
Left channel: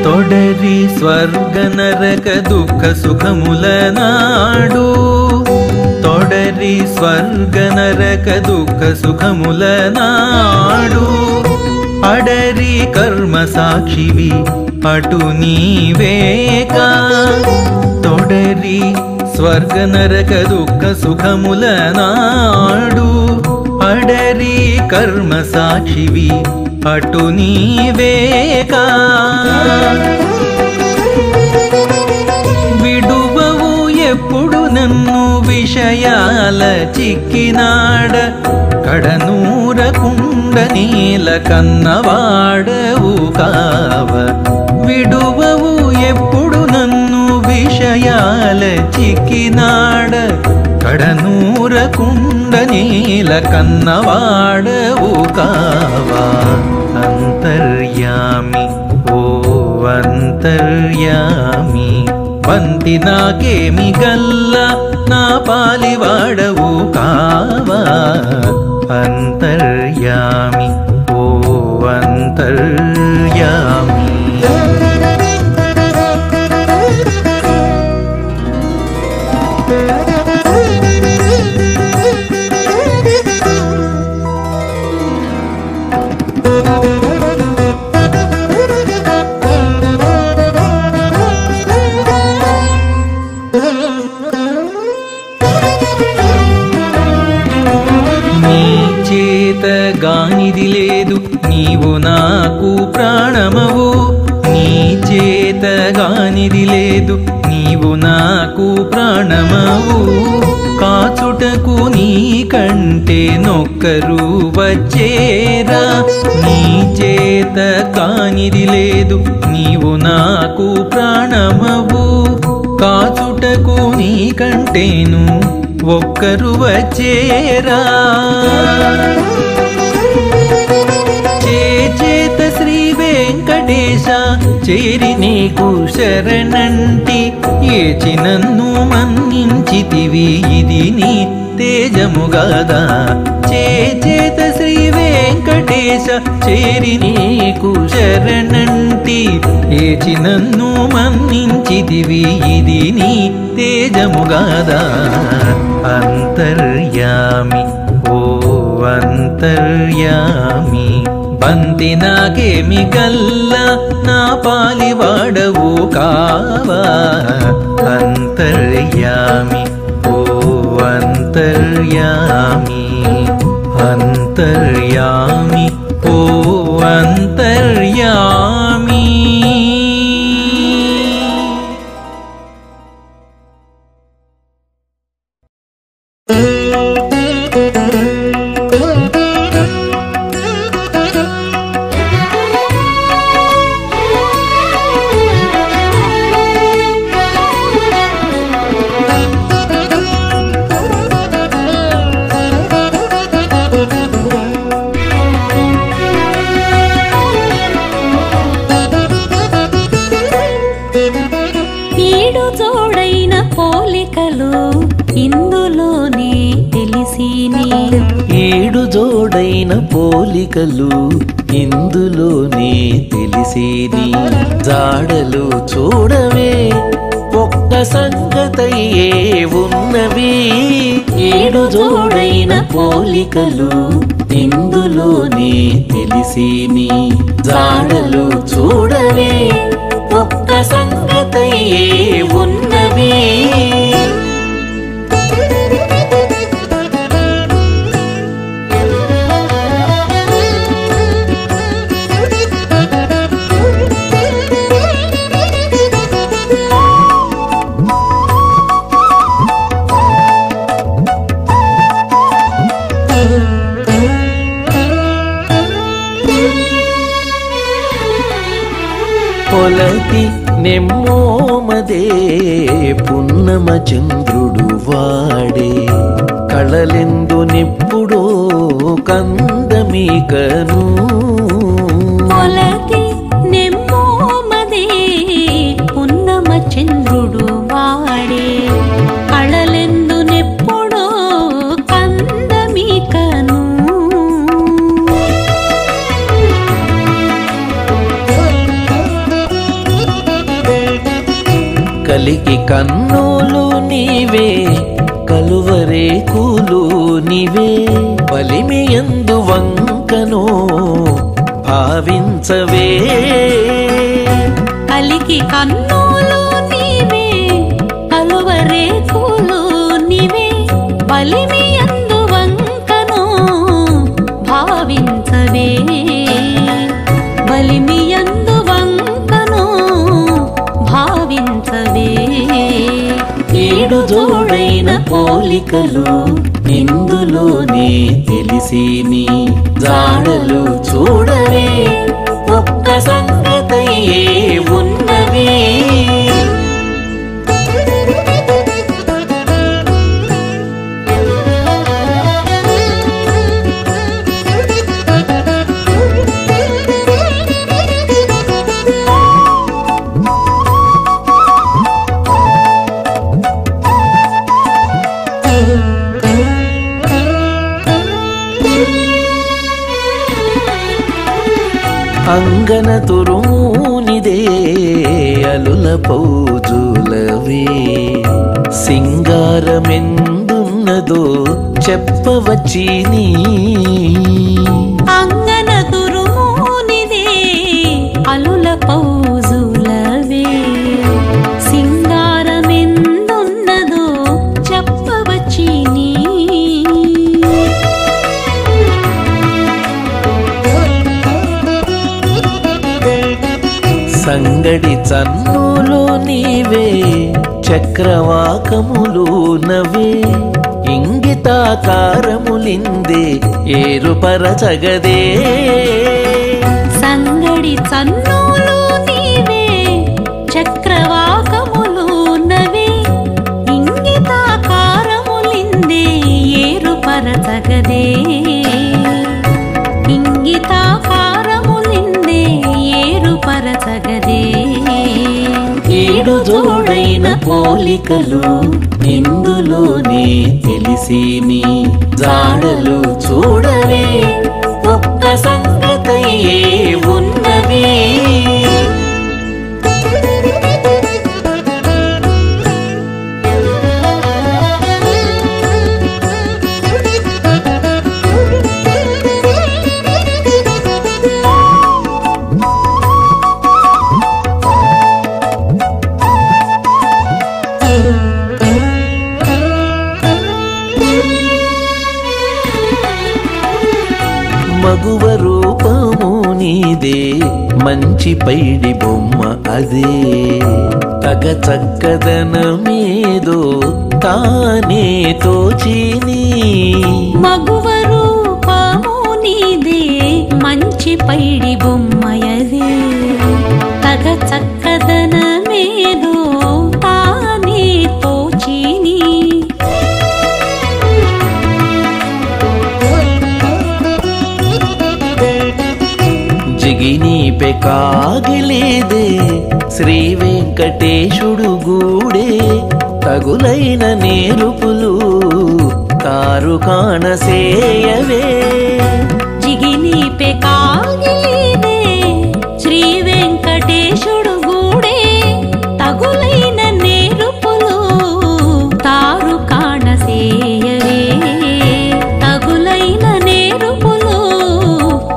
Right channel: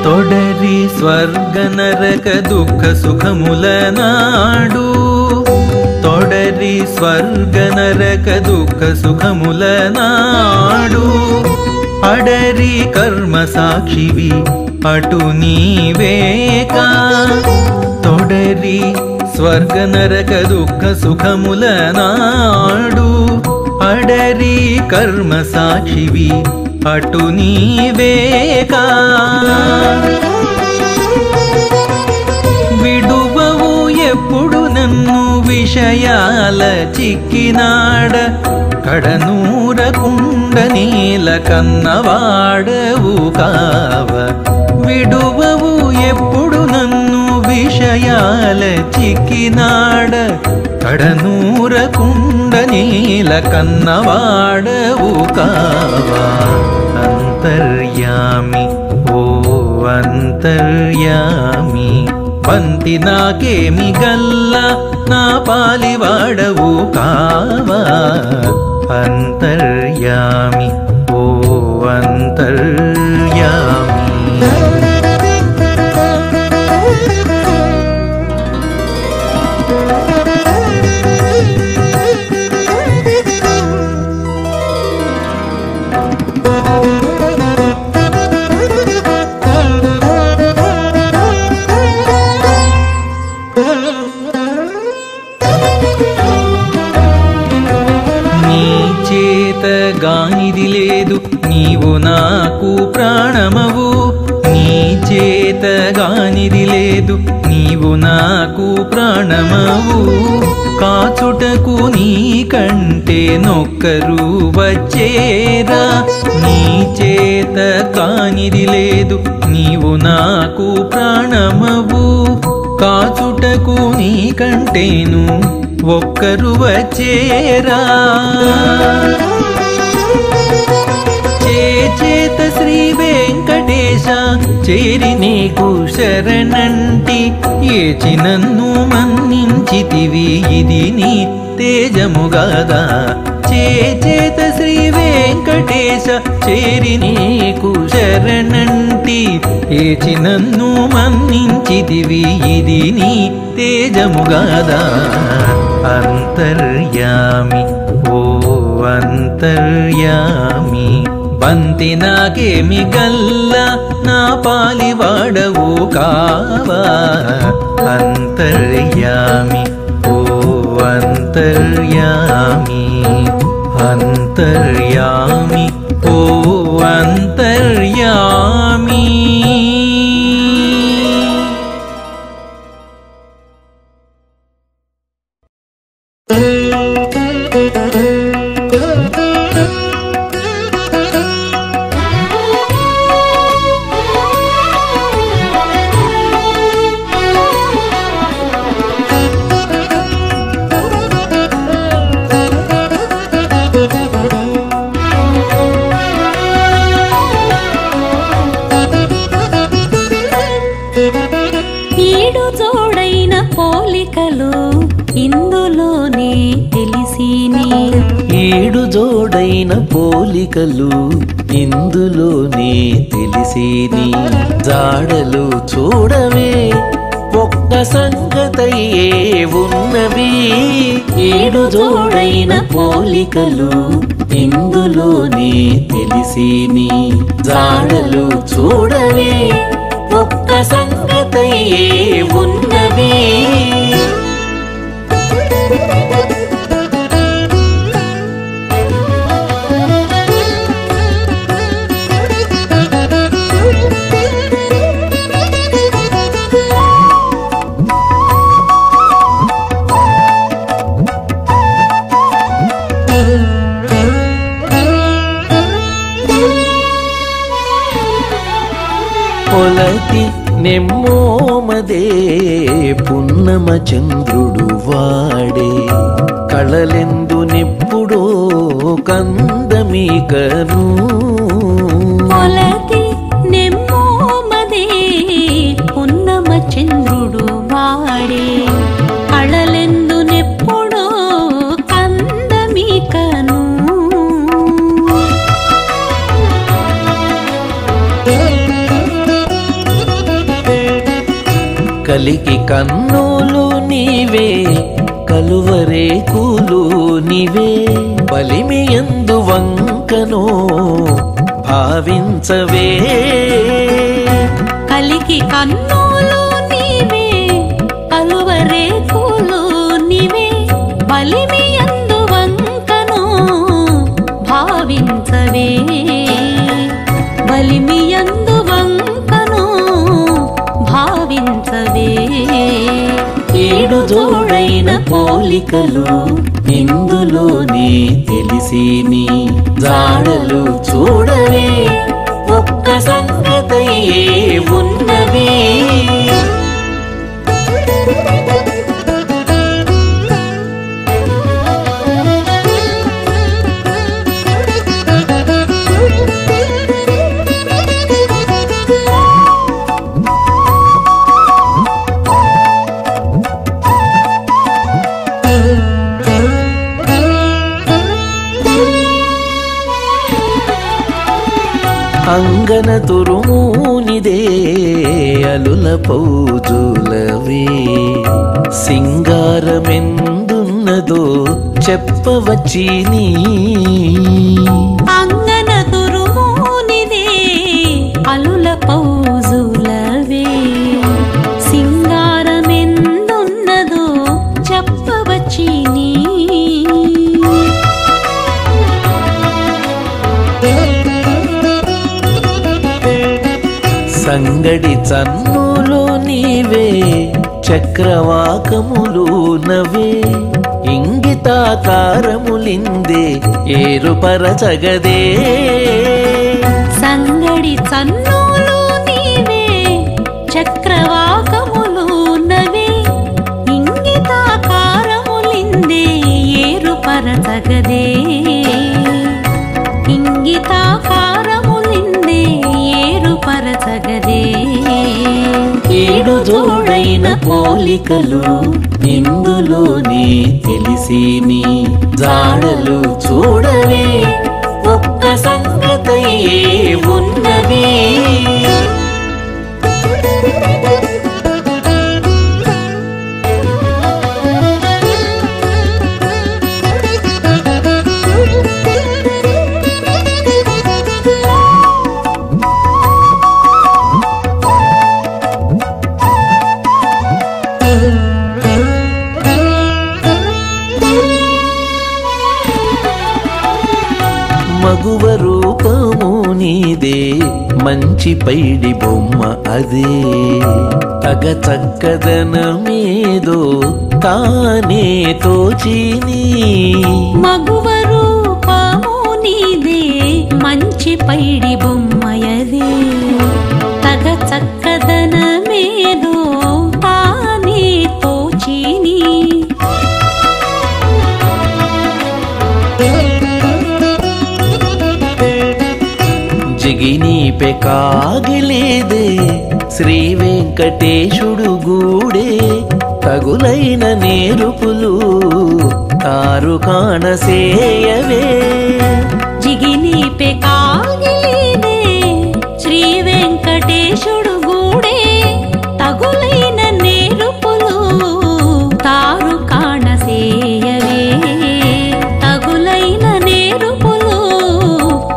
తొడరి స్వర్గ నరక దుఃఖ సుఖముల నాడు, తొడరి స్వర్గ నరక దుఃఖ సుఖముల నాడు, అడరి కర్మ సాక్షివి అటు నీవేకా. తొడరి స్వర్గ నరక దుఃఖ సుఖముల నాడు, అడరి కర్మ సాక్షివి అటు నీవేకా. విడువవు ఎప్పుడు నన్ను విషయాల చిక్కినాడ, కడనూరకుండ నీల కన్నవాడవు కావ. విడువవు ఎప్పుడు నన్ను విషయాల చిక్కినాడ, కడనూరకుండ నీల కన్నవాడవు కావా. అంతర్యామి ఓ అంతర్యామి, బంతి నాకేమి గల్ల నా పాలివాడవు కావా. అంతర్యామి ఓ అంతర్యామి. నీ చేత గానిది లేదు నీవు నాకు ప్రాణమవు, నీ చేత గానిది లేదు నీవు నాకు ప్రాణమవు. కాచుటకు నీ కంటే నొక్కరు వచ్చేరా, నీ చేత కానిది లేదు నీవు నాకు ప్రాణమవు. కాచుటకు నీ కంటేను ఒక్కరు వచ్చేరా. చేత శ్రీ వెంకటేశ చేరి నీకు శరణంటి, ఏచినన్ను మన్నించితివి ఇది నీ తేజముగాదా. చేత శ్రీ వెంకటేశ చేరి నీకు శరణంటి, ఏచినన్ను మన్నించితివి ఇది నీ తేజముగాదా. అంతర్యామి ఓ అంతర్యామి, బంతి నాకేమి గల్ల నా పాలివాడవు కావా. అంతర్యామి ఓ అంతర్యామి. అంతర్యామి ఓ అంతర్యామి. ఏడు జోడైన పోలికలు ఇందులోనే తెలిసిని. ఏడు జోడైన పోలికలు ఇందులోనే తెలిసిని. జాడలు చూడవే ఒక్క సంగతయ్యే ఉన్నవి. ఏడు జోడైన పోలికలు ఇందులోనే తెలిసిని. జాడలు చూడవే ఒక్క సంగతయ్యే ఉన్నవి. పొలతి నెమ్మోమదే పున్నమ చంద్రుడు వాడే. కళలెందు నెప్పుడో కందమీకను. పొలతి నెమ్మోమదే పున్నమ చంద్రుడు వాడే. కళలెందు నెప్పుడో కందమీకను. కలికి కన్నులు నీవే కలువరేకులు నీవే. బలిమియందు వంకనో భావించవే. కలికి కన్నులు నీవే కలువరేకులు నీవే. బలిమియందు వంకనో భావించవే. బలిమియందు వంకనో భావించవే. ఏడు జోడైన పోలికలు ఇందులోనే తెలిసిని. జాడలు చూడవే ఒక్క సంగతయ్యే ఉన్నవి. అంగన తురుమూనిదే అలుల పౌజులవే. సింగారమెందున్నదో చెప్పవచ్చిని. అంగన తురుమూనిదే అలుల పౌజులవే. సింగారమెందున్నదో చెప్పవచ్చిని. సంగడి చన్నులు నీవే చక్రవాకములు నవే. ఇంగితాకారములిందే ఏరుపరచగదే. సంగడి చన్నులు నీవే చక్రవాకములు నవే. ఇంగితాకారములిందే ఏరుపరచగదే. ఇంగితాకారములిందే ఏరుపరచగదే. ఏడు జోడైన పోలికలు ఇందులోనే తెలిసిని. జాడలు చూడవే ఒక్క సంగతయ్యే ఉన్నవి. మగువ రూపము నీదే మంచి పైడి బొమ్మ అదే తగ చక్కదనమేదో తానే తోచిని మగువ రూపము నీదే మంచి పైడి బొమ్మయదే తగ చక్కదనమేదో తానే తోచిని జిగినీపె కాగిలేదే శ్రీ వెంకటేశుడు గూడే తగులైన నేరుపులు తారు కాణసేయవే జిగినీపె కాగిలేదే శ్రీ వెంకటేశుడు గూడే తగులైన నేరుపులు తారు కాణసేయవే తగులైన నేరుపులు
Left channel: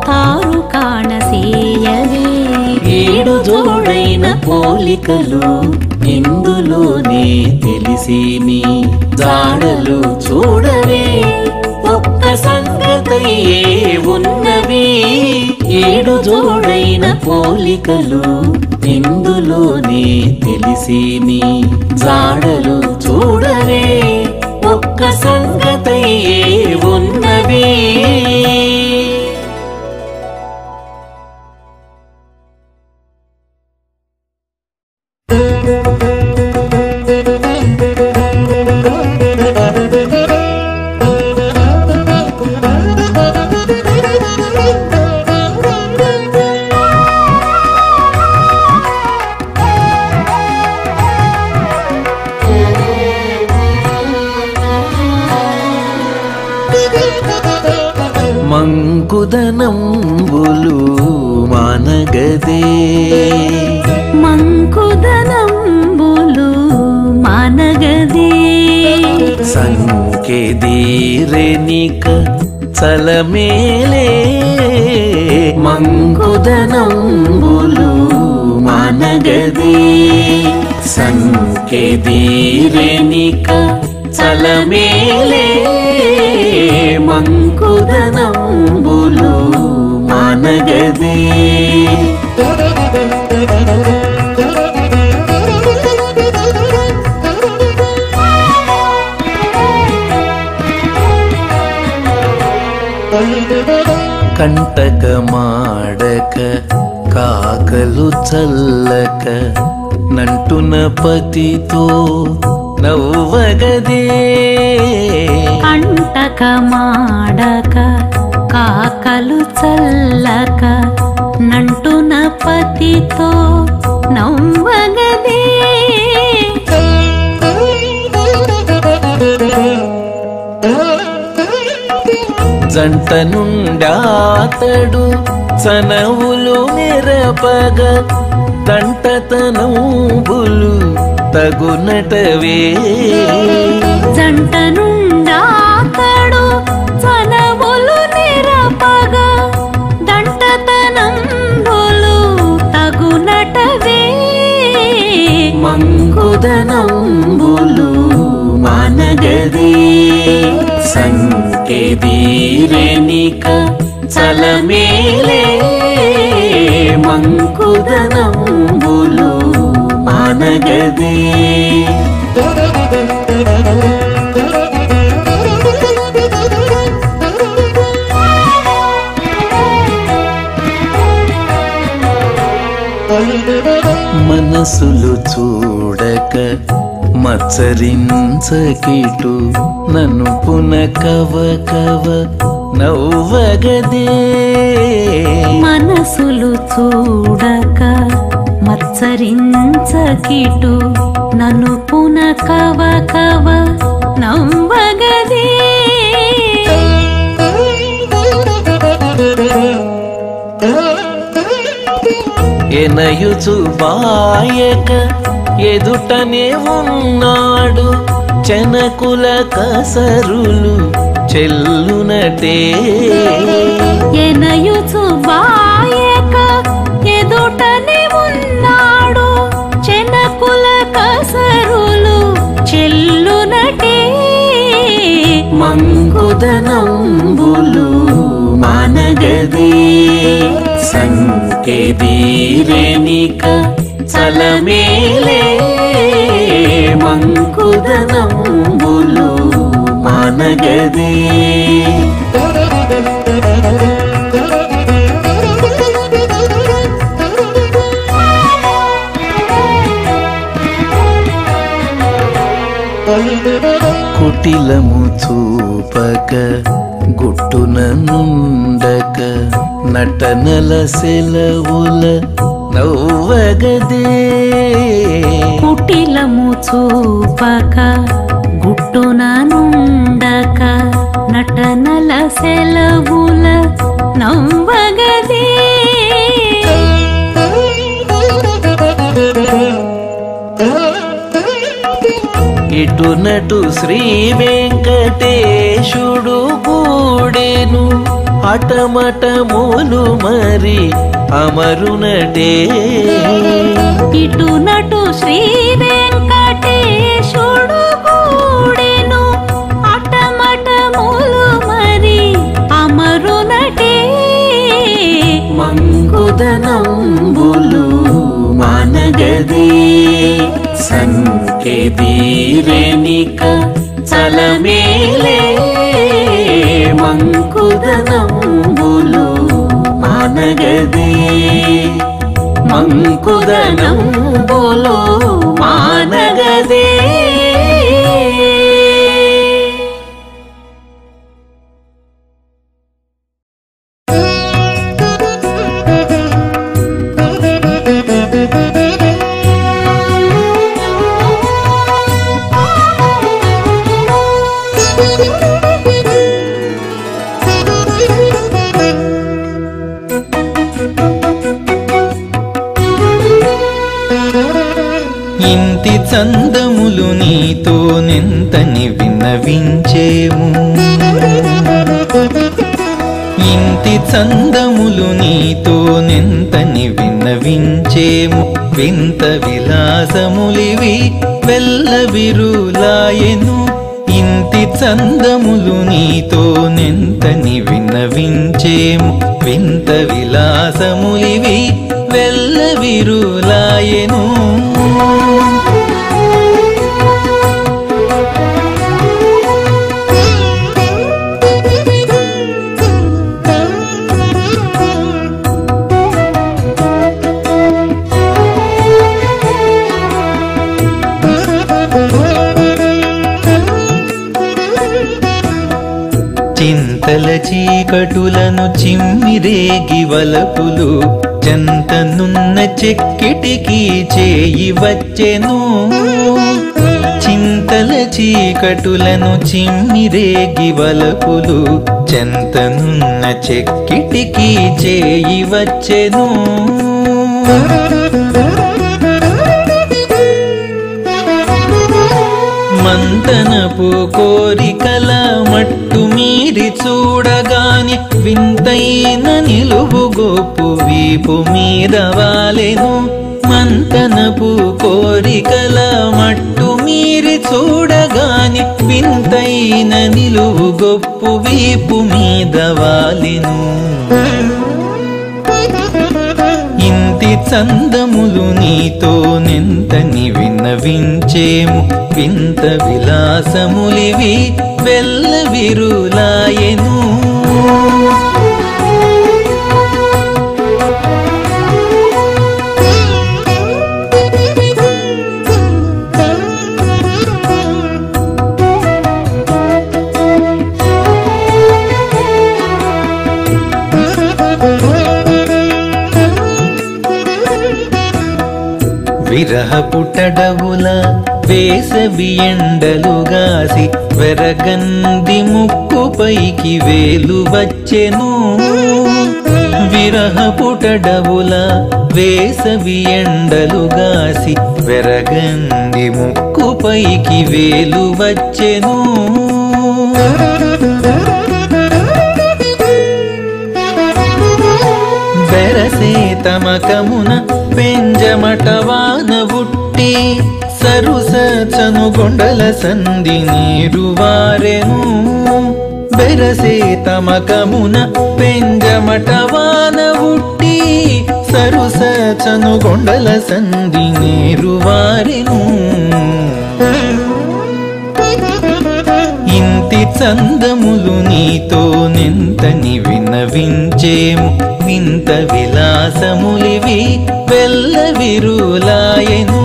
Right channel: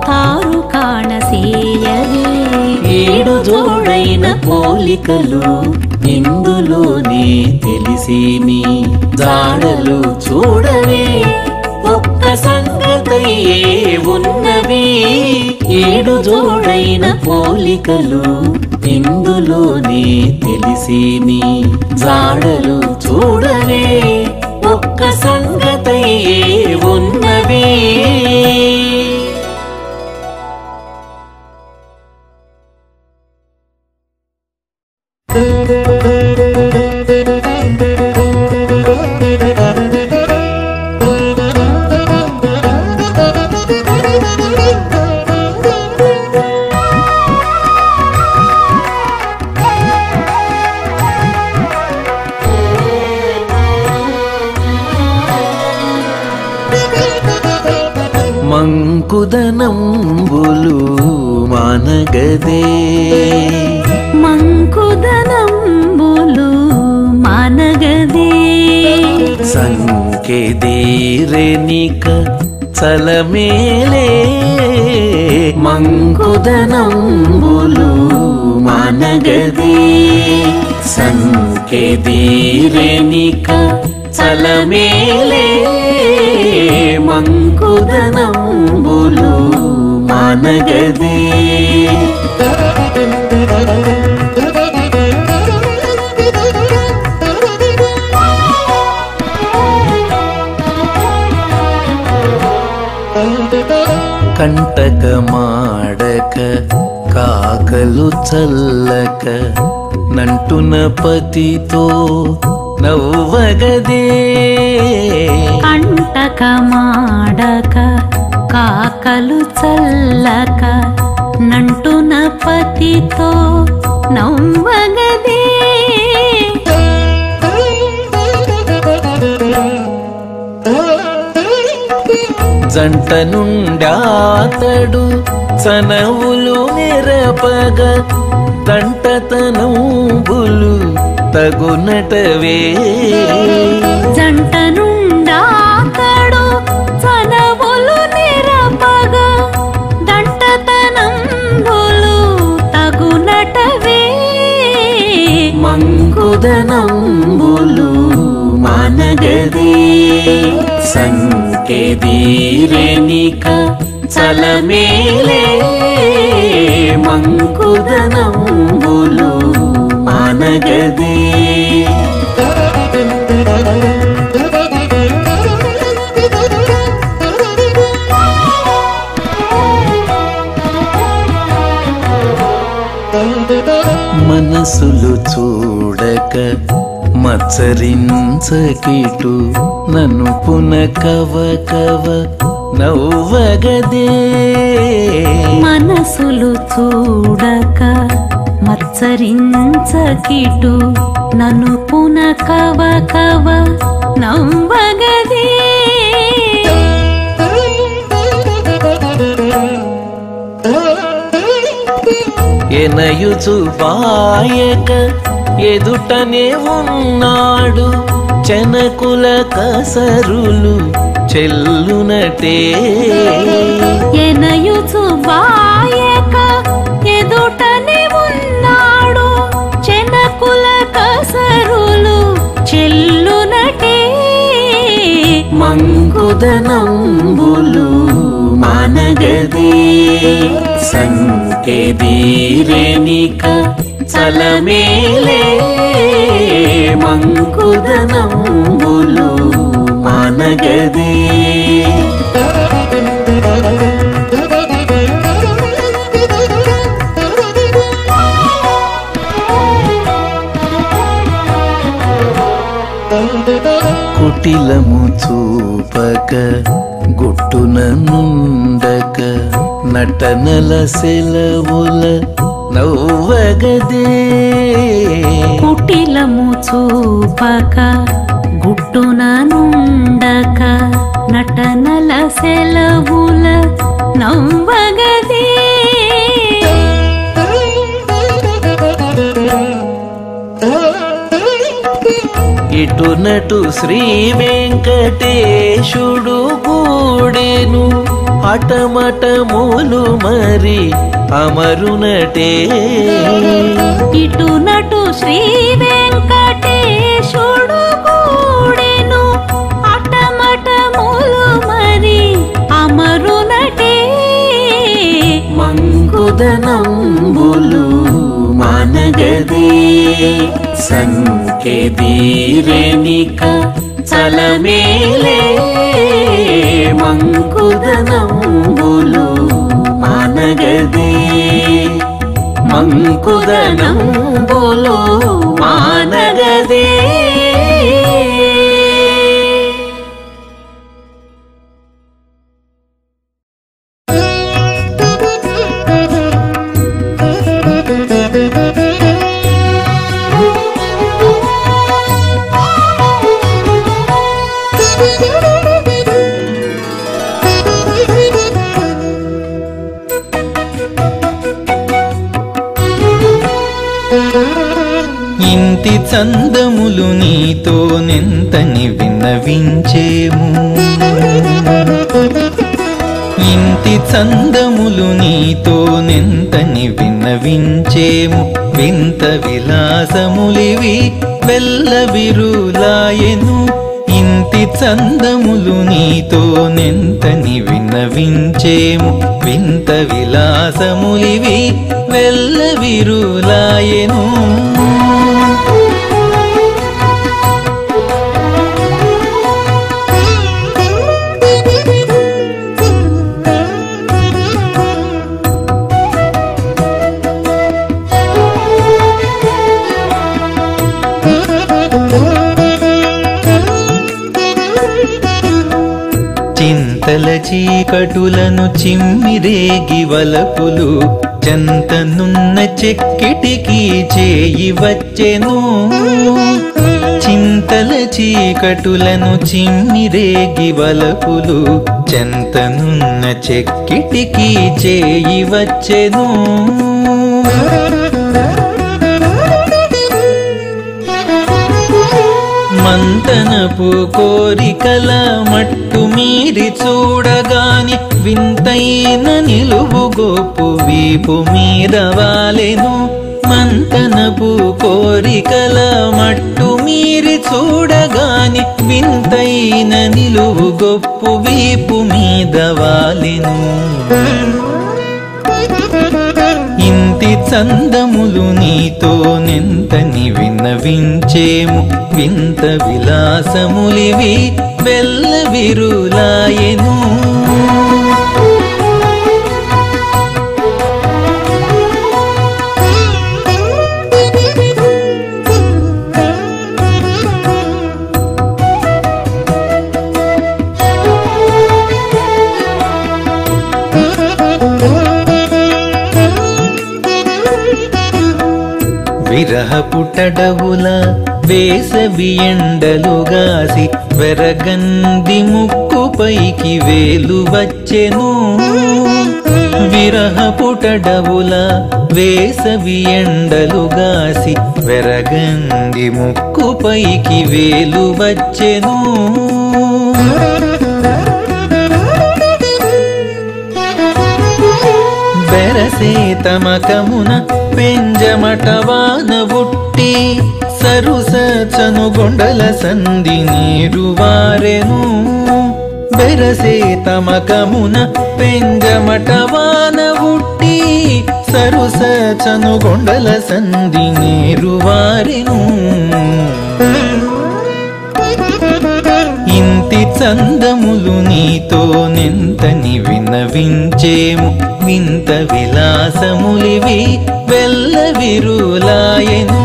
తారు కాణసేయవే ఏడు జోడైన పోలికలు ఇందులోనే తెలిసిని జాడలు చూడవే ఒక్క సంగతయే ఉన్నవి ఏడు జోడైన పోలికలు ఇందులోనే తెలిసిని జాడలు చూడవే ఒక్క సంగతయే ఉన్నవి మంకుదనంబులు మానగదే మంకుదనంబులు మానగదే సంకెదీరెనిక చలమేలే మంకుదనంబులు మానగదే సంకెదీరెనిక చలమేలే మంకుదనంబులు మానగదే కంటక మాడక కాకలు చల్లక నంటున పతితో నవ్వగదే కంటక మాడక కాకలు చల్లక నంటున పతితో నవ్వగదే జంట నుండాతడు చనవులు నెరపగ దంటతనంబులు తగునటవే జంట నుండాతడు చనవులు నెరపగ దంటతనంబులు తగునటవే మంకుదనంబులు మానగదే సంకెదీరెనిక చలమేలే మంకుదనంబులు మానగదే మనసులు చూడక మత్సరించకిటు నన్ను పునకవ కవ నవ్వగదే మనసులు చూడక మత్సరించకిటు నన్ను పునకవ కవ నవ్వగదే ఎనయుచు బాయక ఎదుటనే ఉన్నాడు చెనకుల కసరులు చెల్లునటే ఎనయుచు బాయక ఎదుటనే ఉన్నాడు చెనకుల కసరులు చెల్లునటే మంకుదనంబులు మానగదే సంకెదీరేనిక చలమేలే మంకుదనంబులు మానగదే కుటిలము చూపక గుట్టున నుండక నటనల సెలవుల నవ్వగదే కుటిలము చూపక గుట్టున నుండక నటనల సెలవుల నవ్వగదే ఇటునటు శ్రీ వెంకటేశుడు గూడెను హఠమఠములు మరి అమరునటే ఇటునటు శ్రీ వెంకటేశుడు గూడెను హఠమఠములు మరి అమరునటే మంకుదనంబులు మానగదే సంకెదీరేనిక చలమేలే మంకుదనంబులు మానగదే మంకుదనంబులు మానగదే ఇంటి చందములు నీతోనెంతని విన్నవించేము ఇంటి చందములు నీతోనెంతని విన్నవించేము వింత విలాసములివి వెల్లవిరులాయెను ఇంటి చందములు నీతోనెంతని విన్నవించేము వింత విలాసములివి వెల్లవిరులాయెను చింతల చీకటులను చిమ్మిరేగి వలపులు చెంతనున్న చెక్కిటికి చేయి వచ్చెను చింతల చీకటులను చిమ్మిరేగి వలపులు చెంతనున్న చెక్కిటికి చేయి వచ్చెను మంతనపు కోరికల మట్టు మీరి చూడగానే వింతైన నిలువు గోపు వీపు మీద వాలెను మంతనపు కోరికల మట్టు మీరి చూడగానే వింతైన నిలువు గొప్పు వీపు మీద వాలెను ఇంటి చందములు నీతోనెంతని విన్నవించేము వింత విలాసములివి వెల్లవిరులాయెను విరహపుటడవుల వేసవి ఎండలుగాసి వెరగంది ముక్కుపైకి వేలు వచ్చెను విరహపుటడవుల వేసవి ఎండలుగాసి వెరగంది ముక్కుపైకి వేలు వచ్చెను బెరసే తమకమున పెంజమటవాన ఉట్టి సరుసచను గొండల సంధి నీరు వారెను బెరసే తమకమున పెంజమటవాన ఉట్టి సరుస చనుగొండల సంధి నేరువారెను ఇంతి చందములు నీతో నెంతని విన్నవించేము వింత విలాసములివి వెల్ల విరులాయెను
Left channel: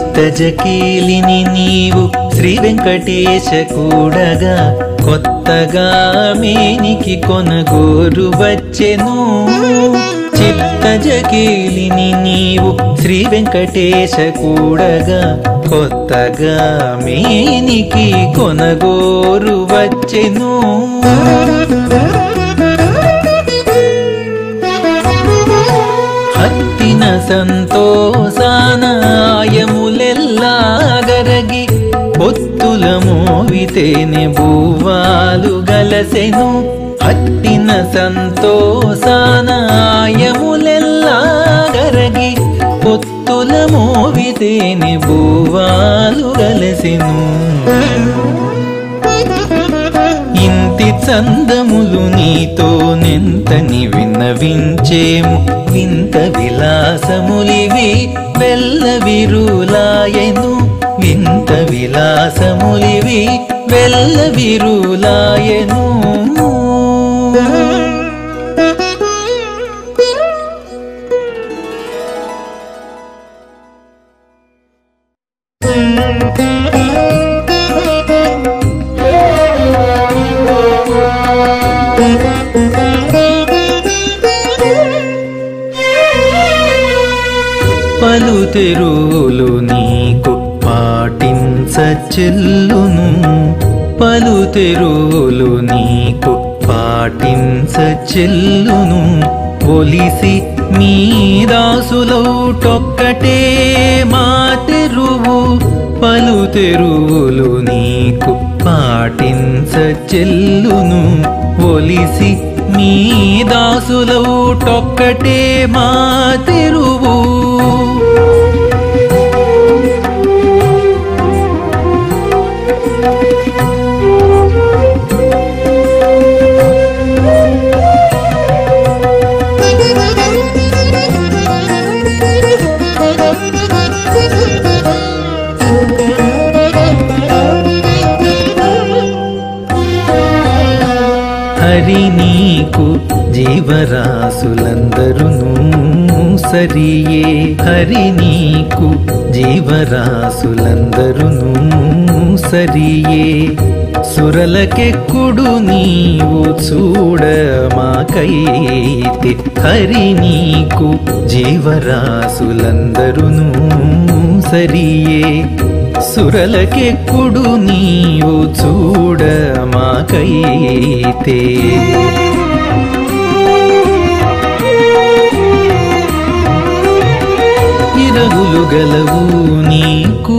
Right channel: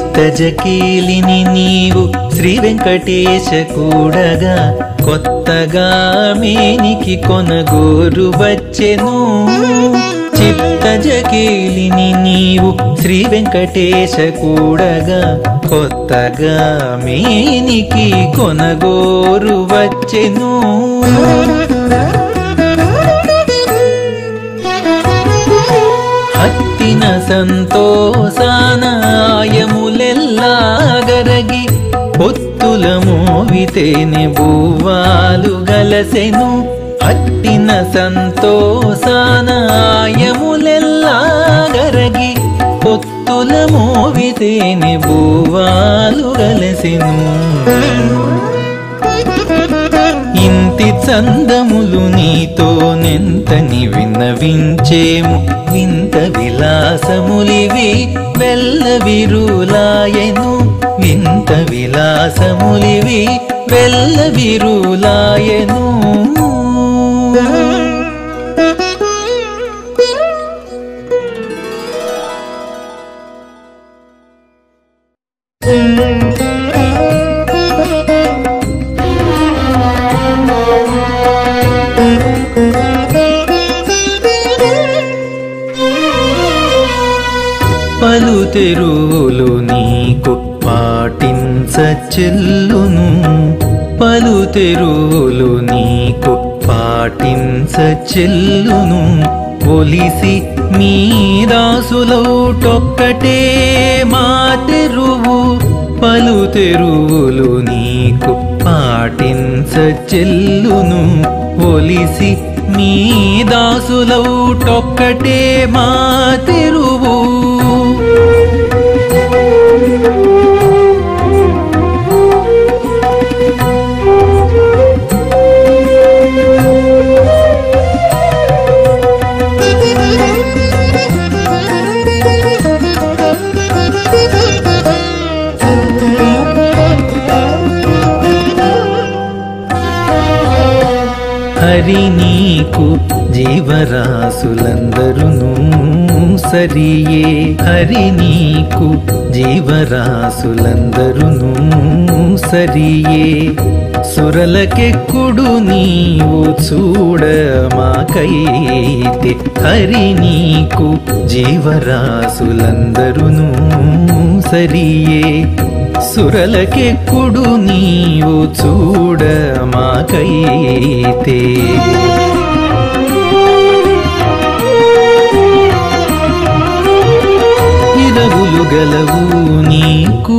చిత్తజకీలిని నీవు శ్రీ వెంకటేశ కూడగా కొత్తగా మేనికి కొనగోరు వచ్చెను చిత్తజకీలిని నీవు శ్రీ వెంకటేశ కూడగా కొత్తగా మేనికి కొనగోరు వచ్చెను హత్తిన సంతోషానాయములెల్లాగరగి పొత్తుల మోవితేనే భూవాలు గలసెను హత్తిన సంతోషానాయములెల్లాగరగి పొత్తుల మోవితేనే భూవాలు గలసెను ఇంతి చందములు నీతో నెంతని విన్నవించేము వింత విలాసములివి వెల్ల విరులాయెను వింత విలాసములివి వెల్ల విరులాయెను పలు తెరువులు నీకు పాటించచెల్లును పలు తెరువులు నీకు పాటించచెల్లును ఒలిసి మీ దాసులౌటొక్కటే మా తెరువు పలు తెరువులు నీకు పాటించచెల్లును ఒలిసి మీ దాసులౌటొక్కటే మా తెరువు హరి నీకు జీవరాశులందరును సరియే హరి నీకు జీవరాశులందరును సరియే సురలకెక్కుడు నీవు చూడమాకైతే హరి నీకు జీవరాశులందరును సరియే సురలకెక్కుడు నీవు చూడమాకైతే ఇరవులు గలవు నీకు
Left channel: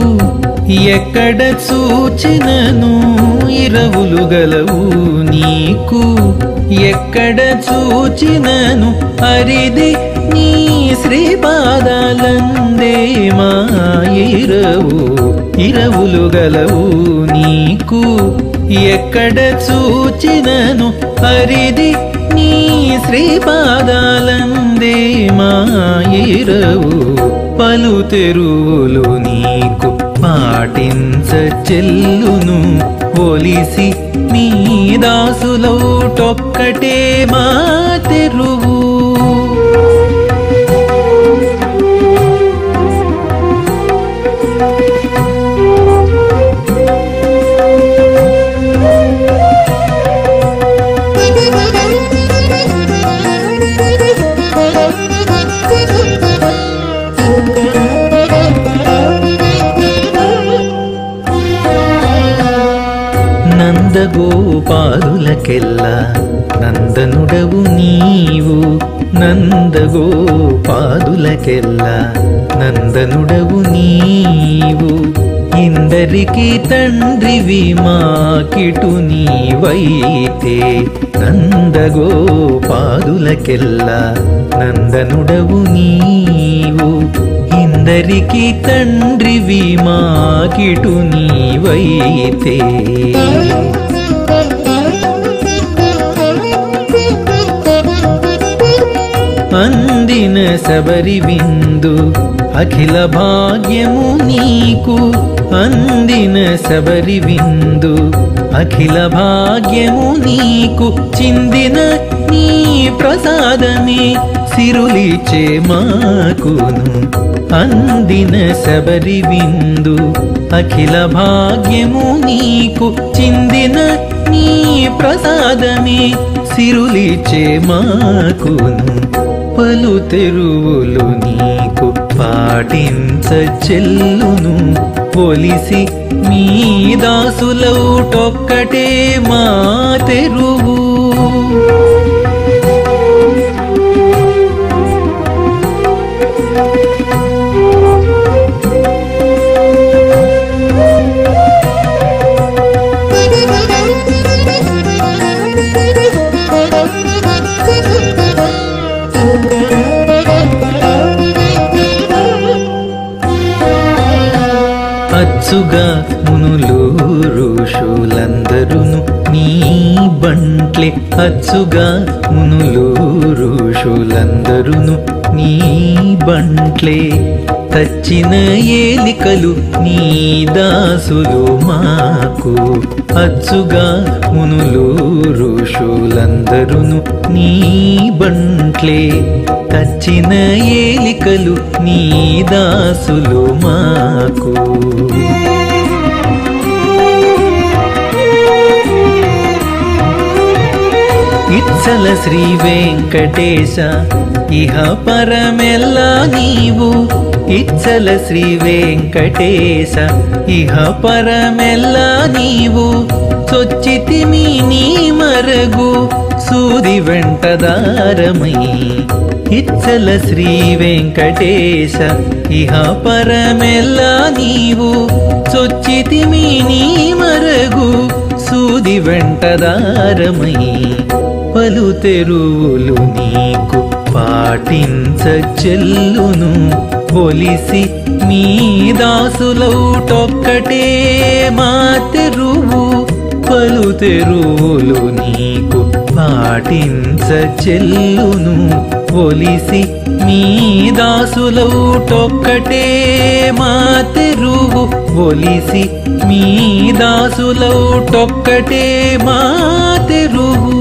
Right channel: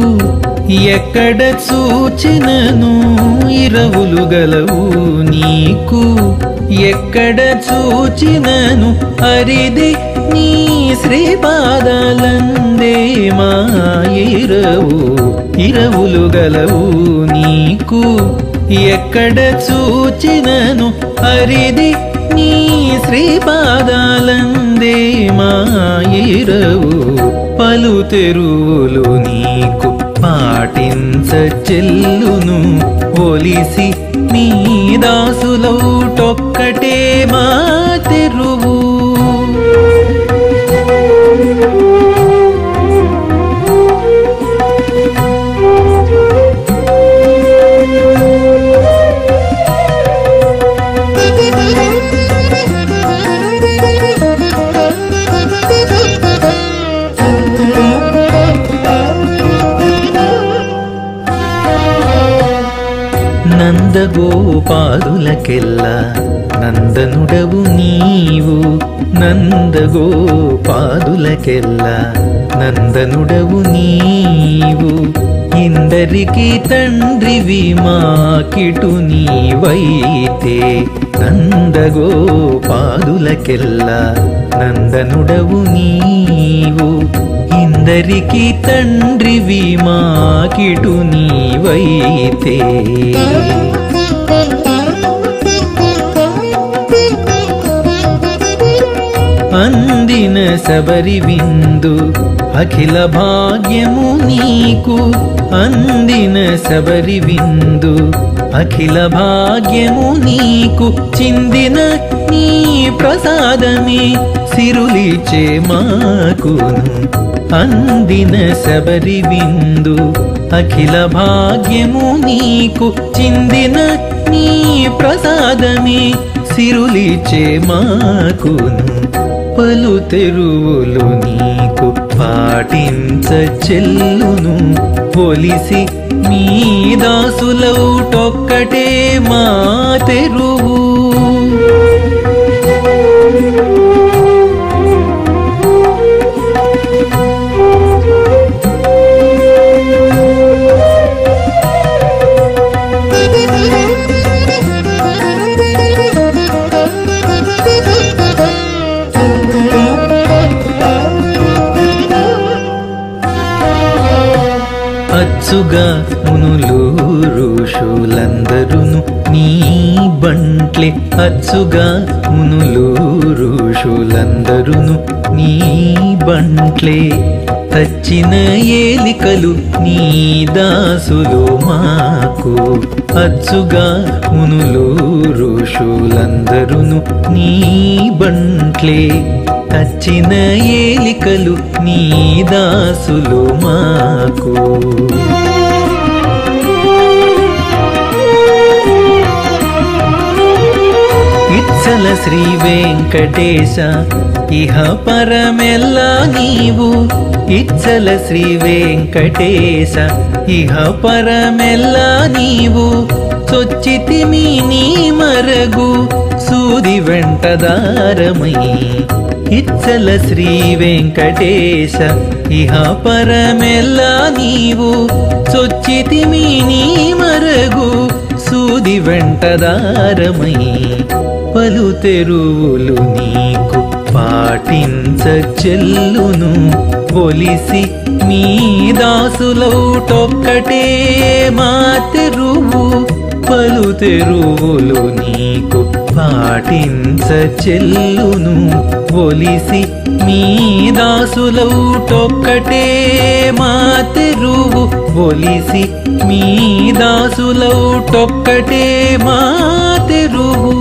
ఎక్కడ చూచినను ఇరవులు గలవు నీకు ఎక్కడ చూచినను అరిది నీ శ్రీపాదాలందే మా ఇరవులు గలవు నీకు ఎక్కడ చూచినను అరిది నీ శ్రీపాదాలందే మా ఇరవు పలు తెరువులు నీకు పాటించచెల్లును ఒలిసి మీ దాసులౌటొక్కటే మా తెరువు నందగోపాదులకెల్లా నందనుడవు నీవు నందగోపాదులకెల్లా నందనుడవు నీవు ఇందరికి తండ్రివి మాకిటు నీవైతే నందగోపాదులకెల్లా నందనుడవు నీవు ఇందరికి తండ్రివి మాకిటు నీవైతే అందిన శబరి విందు అఖిల భాగ్యము నీకు అందిన శబరి విందు అఖిల భాగ్యము నీకు చిందిన నీ ప్రసాదమే సిరులిచే మాకును అందిన శబరి విందు అఖిల భాగ్యము నీకు చిందిన నీ ప్రసాదమే సిరులిచే మాకును పలు తెరువులు నీకు పాటించ చెల్లును ఒలిసి మీ దాసులౌటొక్కటే మా తెరువు అచ్చుగా మునులు ఋషులందరును నీ బంట్లే అచ్చుగా మునులు ఋషులందరును నీ బంట్లే తచ్చిన ఏలికలు నీ దాసులు మాకు అచ్చుగా మునులు ఋషులందరును నీ బంట్లే తచ్చిన ఏలికలు నీ దాసులు మాకు ఇచ్చల శ్రీ వెంకటేశ ఇహ పరమెల్లా నీవు ఇచ్చల శ్రీ వెంకటేశ ఇహ పరమెల్లా నీవు చొచ్చితిమి నీ మరగు సూది వెంటదారమై ఇచ్చల శ్రీ వెంకటేశ ఇహ పరమెల్లా నీవు చొచ్చితిమి నీ మరగు సూది వెంటదారమై పలు తెరువులు నీకు పాటించ చెల్లును ఒలిసి మీ దాసులౌటొక్కటే మా తెరువు పలు తెరువులు నీకు పాటించ చెల్లును ఒలిసి మీ దాసులౌటొక్కటే మా తెరువు ఒలిసి మీ దాసులౌటొక్కటే మా తెరువు